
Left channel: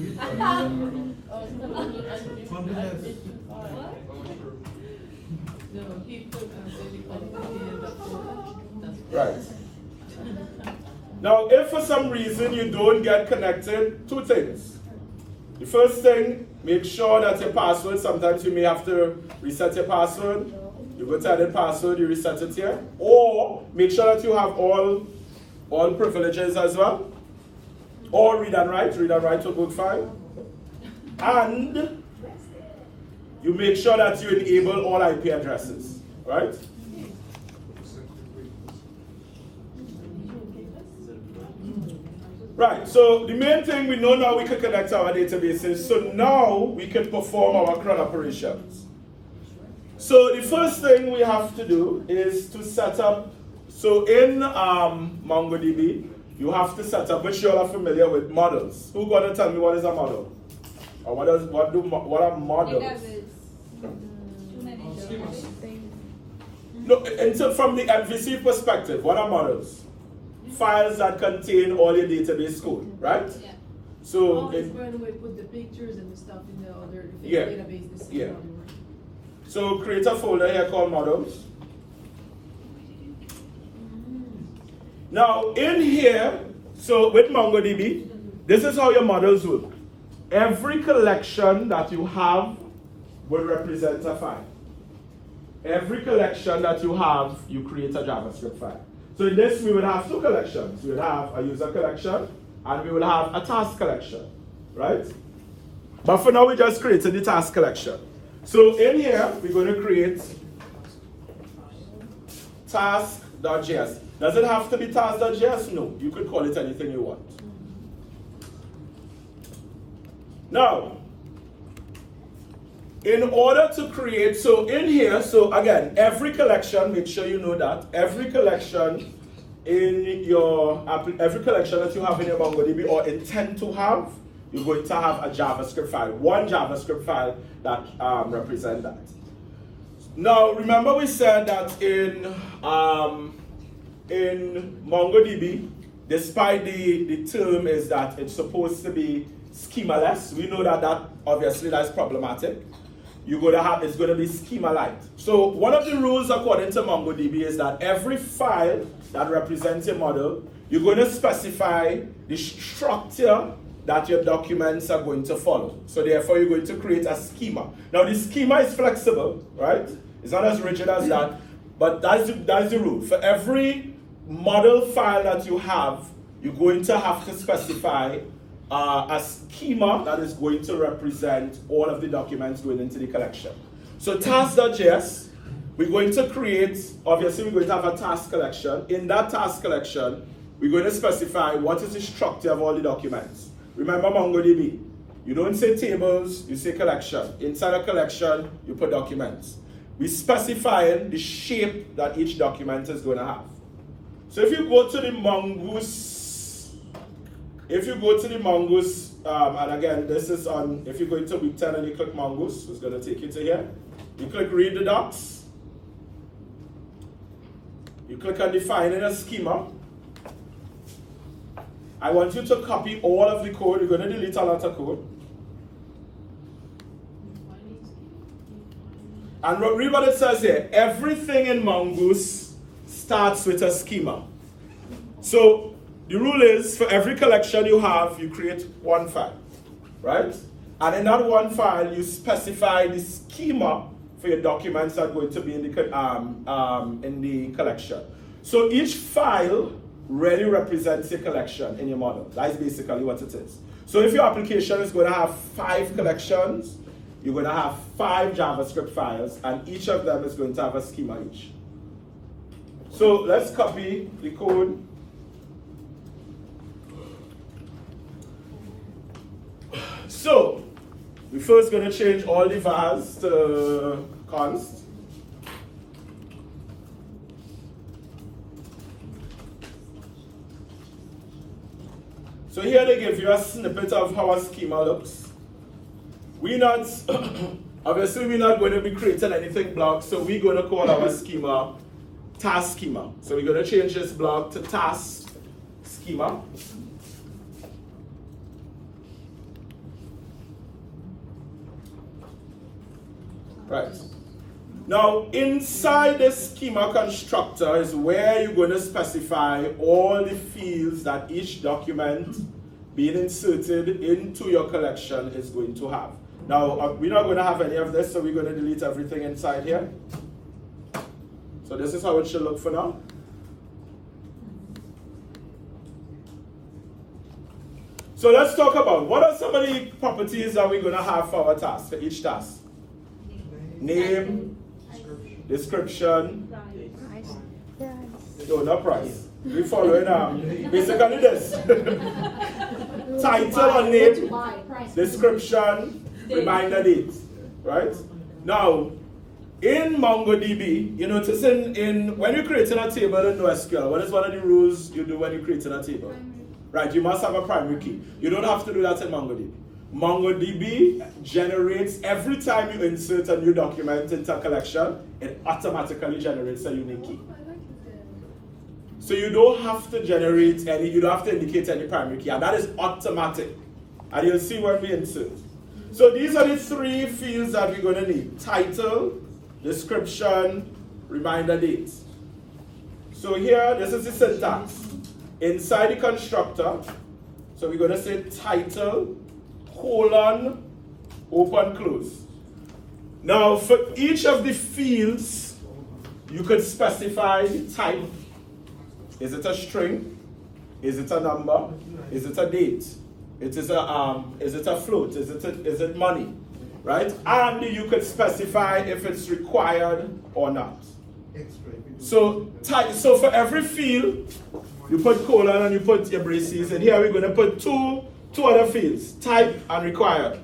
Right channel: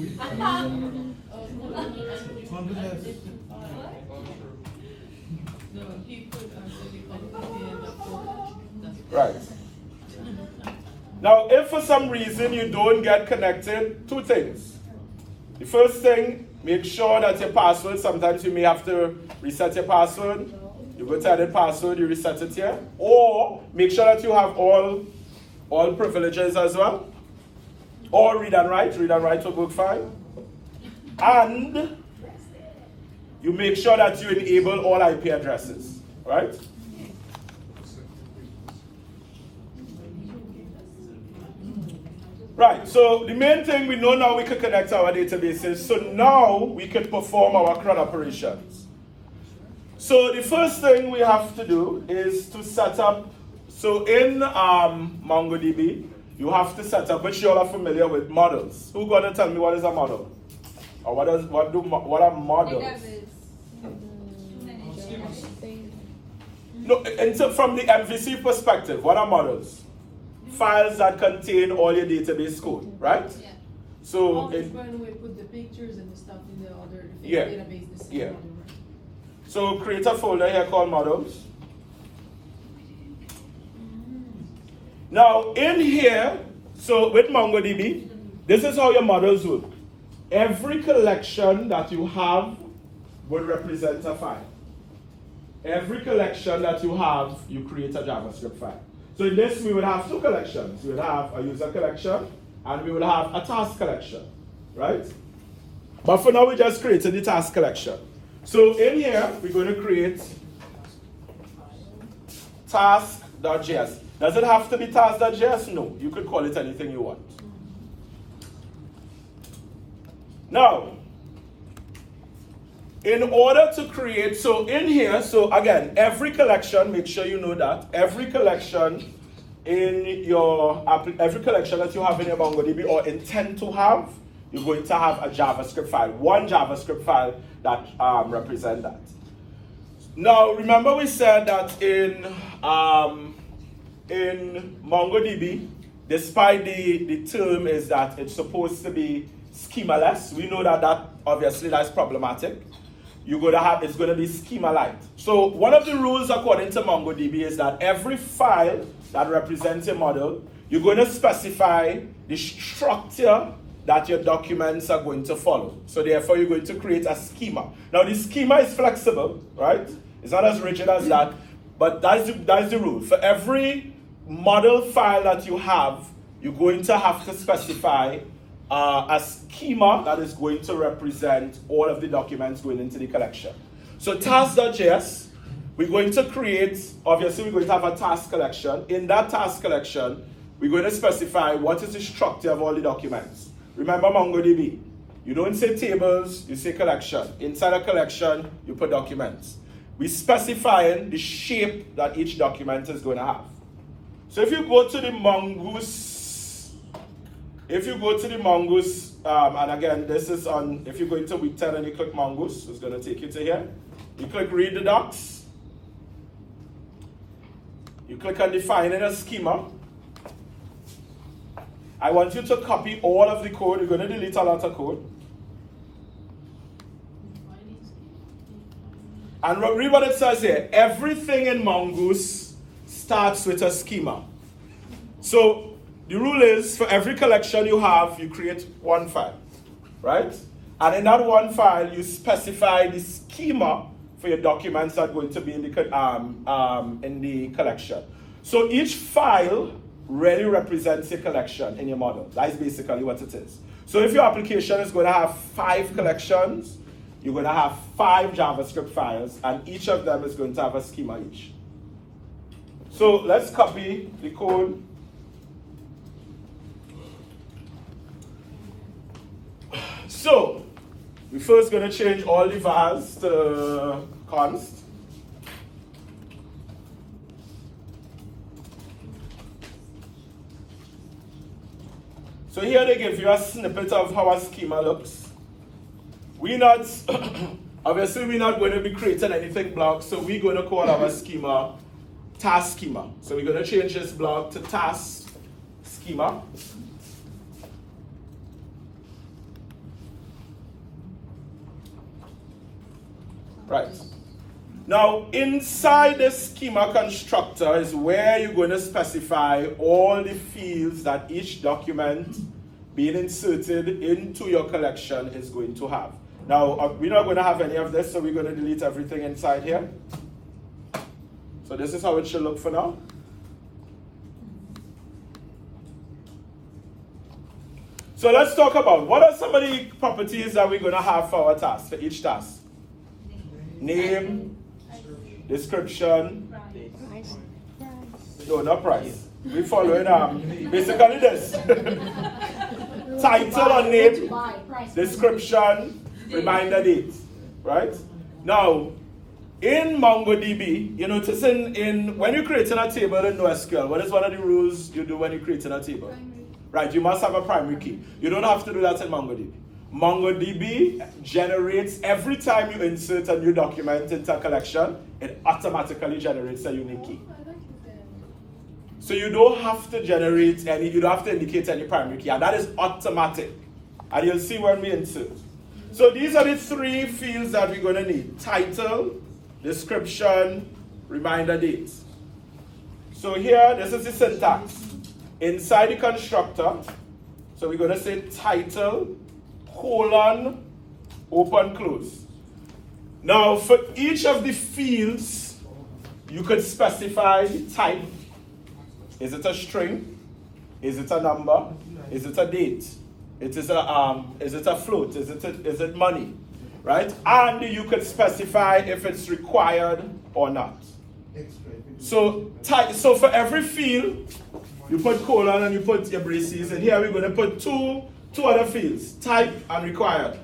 Right. Now, if for some reason you don't get connected, two things. The first thing, make sure that your password, sometimes you may have to reset your password. You go to edit password, you reset it here. Or make sure that you have all privileges as well. Or read and write will work fine. And you make sure that you enable all IP addresses, right? Right, so the main thing we know now we can connect our databases, so now we can perform our CRUN operations. So the first thing we have to do is to set up, so in MongoDB, you have to set up, which you all are familiar with, models. Who's going to tell me what is a model? Or what are models? No, from the MVC perspective, what are models? Files that contain all your database code, right? Yeah. So Always going to put the pictures and the stuff in the other Yeah. database. The same Yeah. order. So create a folder here called models. Now in here, so with MongoDB, this is how your models work. Every collection that you have will represent a file. Every collection that you have, you create a JavaScript file. So in this, we will have two collections. We will have a user collection, and we will have a task collection, right? But for now, we just created the task collection. So in here, we're going to create task.js. Does it have to be task.js? No, you could call it anything you want. Now, in order to create, so in here, so again, every collection, make sure you know that, every collection in your, every collection that you have in your MongoDB or intend to have, you're going to have a JavaScript file, one JavaScript file that represents that. Now, remember we said that in MongoDB, despite the term is that it's supposed to be schemaless, we know that obviously that's problematic. It's going to be schema-light. So one of the rules according to MongoDB is that every file that represents a model, you're going to specify the structure that your documents are going to follow. So therefore, you're going to create a schema. Now, the schema is flexible, right? It's not as rigid as that, but that's the rule. For every model file that you have, you're going to have to specify a schema that is going to represent all of the documents going into the collection. So task.js, we're going to create, obviously we're going to have a task collection. In that task collection, we're going to specify what is the structure of all the documents. Remember MongoDB, you don't say tables, you say collection. Inside a collection, you put documents. We specify the shape that each document is going to have. So if you go to the Mongoose, and again, this is on, if you go into week 10 and you click Mongoose, it's going to take you to here. You click read the docs. You click on defining a schema. I want you to copy all of the code. You're going to delete a lot of code. And read what it says here. Everything in Mongoose starts with a schema. So the rule is for every collection you have, you create one file, right? And in that one file, you specify the schema for your documents that are going to be in the collection. So each file really represents a collection in your model. That's basically what it is. So if your application is going to have 5 collections, you're going to have 5 JavaScript files, and each of them is going to have a schema each. So let's copy the code. So we're first going to change all the vars to const. So here they give you a snippet of how a schema looks. Obviously we're not going to be creating anything block, so we're going to call our schema task schema. So we're going to change this block to task schema. Right. Now, inside the schema constructor is where you're going to specify all the fields that each document being inserted into your collection is going to have. Now, we're not going to have any of this, so we're going to delete everything inside here. So this is how it should look for now. So let's talk about what are some of the properties that we're going to have for our task, for each task. Name, description, no, not price. We're following basically this. Title or name, description, reminder date, right? Now, in MongoDB, you notice in when you're creating a table in NoSQL, what is one of the rules you do when you're creating a table? Right, you must have a primary key. You don't have to do that in MongoDB. MongoDB generates, every time you insert a new document into a collection, it automatically generates a unique key. So you don't have to generate any, you don't have to indicate any primary key, and that is automatic. And you'll see when we insert. So these are the 3 fields that we're going to need: title, description, reminder date. So here, this is the syntax. Inside the constructor, so we're going to say title, colon, open, close. Now, for each of the fields, you could specify the type. Is it a string? Is it a number? Is it a date? Is it a float? Is it money? Right? And you could specify if it's required or not. So for every field, you put colon and you put your braces, and here we're going to put two other fields, type and required.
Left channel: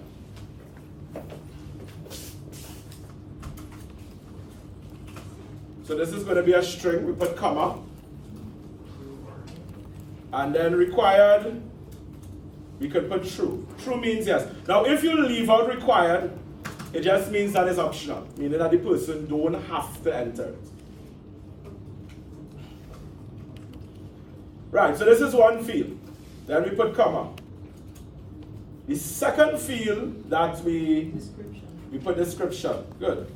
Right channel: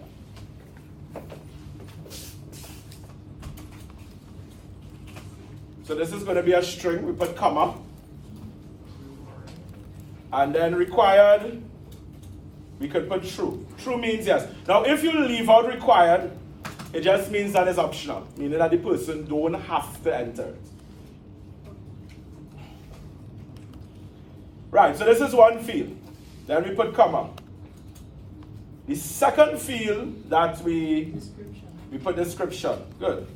So this is going to be a string, we put comma. And then required, we could put true. True means yes. Now if you leave out required, It just means that it's optional, meaning that the person don't have to enter it. Right, so this is one field. Then we put comma. The second field that we put description. Good.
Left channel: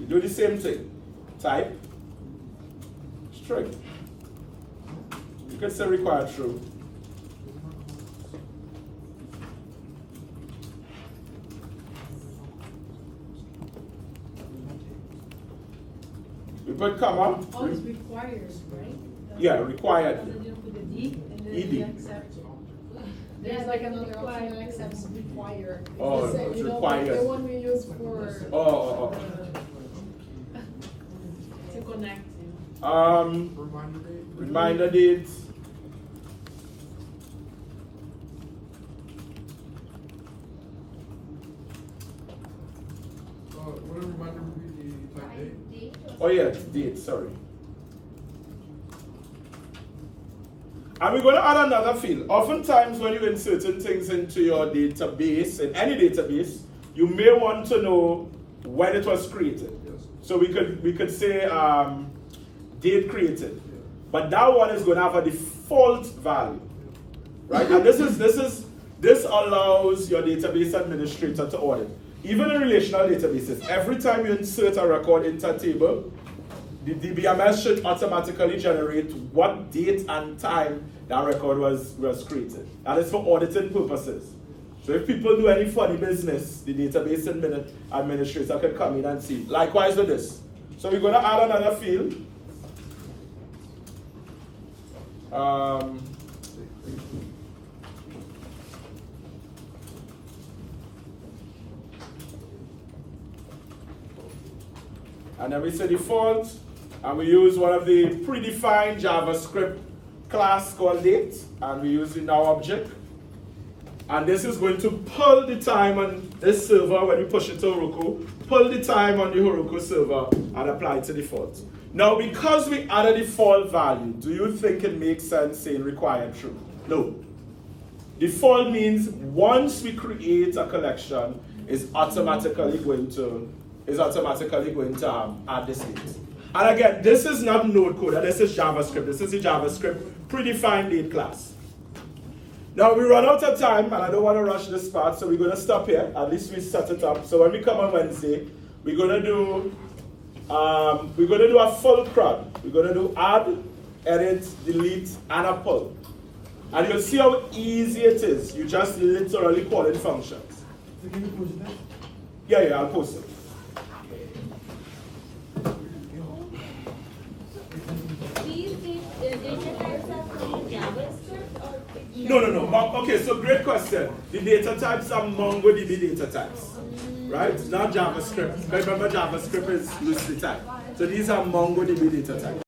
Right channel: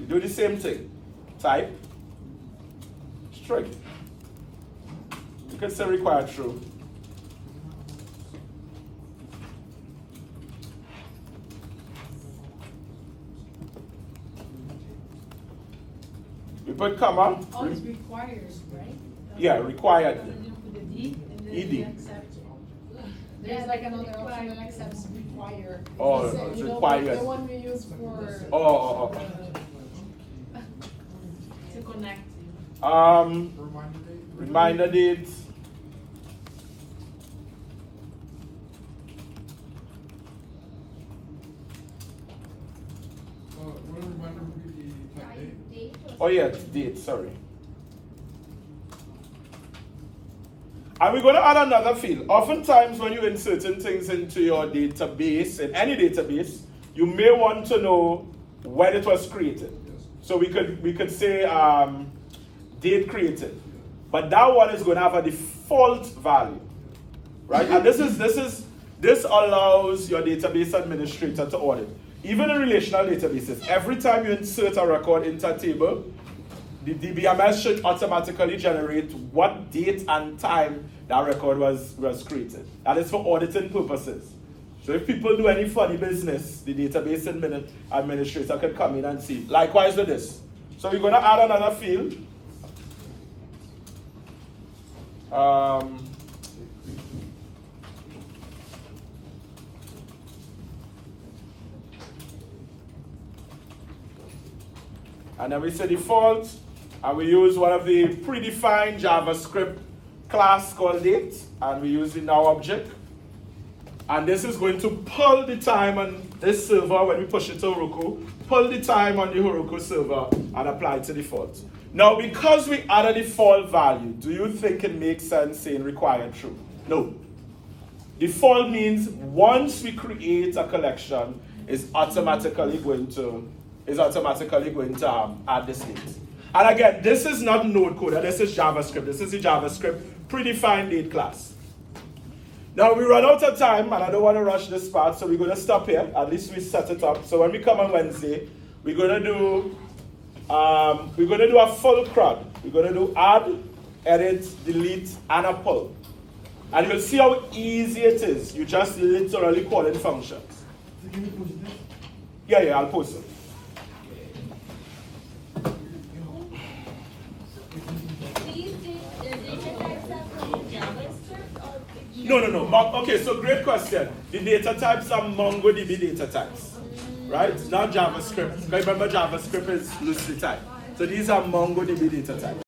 We do the same thing. Type. String. You can say required true. We put comma. Always requires, right? Yeah, required. And then you put the D, and then ED. you accept. There's like another option that accepts require. Oh, Because, it's you know, required. The one we use for. Oh. To connect. Reminder dates. What a reminder would be the type date. Oh yeah, date, sorry. And we're going to add another field. Oftentimes when you insert things into your database, in any database, you may want to know when it was created. Yes. So we could say date created. But that one is going to have a default value. Right? And this allows your database administrator to audit. Even in relational databases, every time you insert a record into a table, the DBMS should automatically generate what date and time that record was created. That is for auditing purposes. So if people do any funny business, the database administrator can come in and see. Likewise with this. So we're going to add another field. And then we say default, and we use one of the predefined JavaScript class called date, and we use the now object. And this is going to pull the time on this server when we push it to Heroku, pull the time on the Heroku server and apply it to default. Now, because we add a default value, do you think it makes sense saying required true? No. Default means once we create a collection, it's automatically going to add this date. And again, this is not node code, this is JavaScript. This is the JavaScript predefined date class. Now we run out of time and I don't want to rush this part, so we're going to stop here. At least we set it up. So when we come on Wednesday, we're going to do a full CRUD. We're going to do add, edit, delete, and a pull. And you'll see how easy it is. You just literally call in functions. So can you post that? Yeah, I'll post it. These data types are from JavaScript or? No. Okay, so great question. The data types are MongoDB data types, right? Not JavaScript. Remember, JavaScript is loosely typed. So these are MongoDB data types.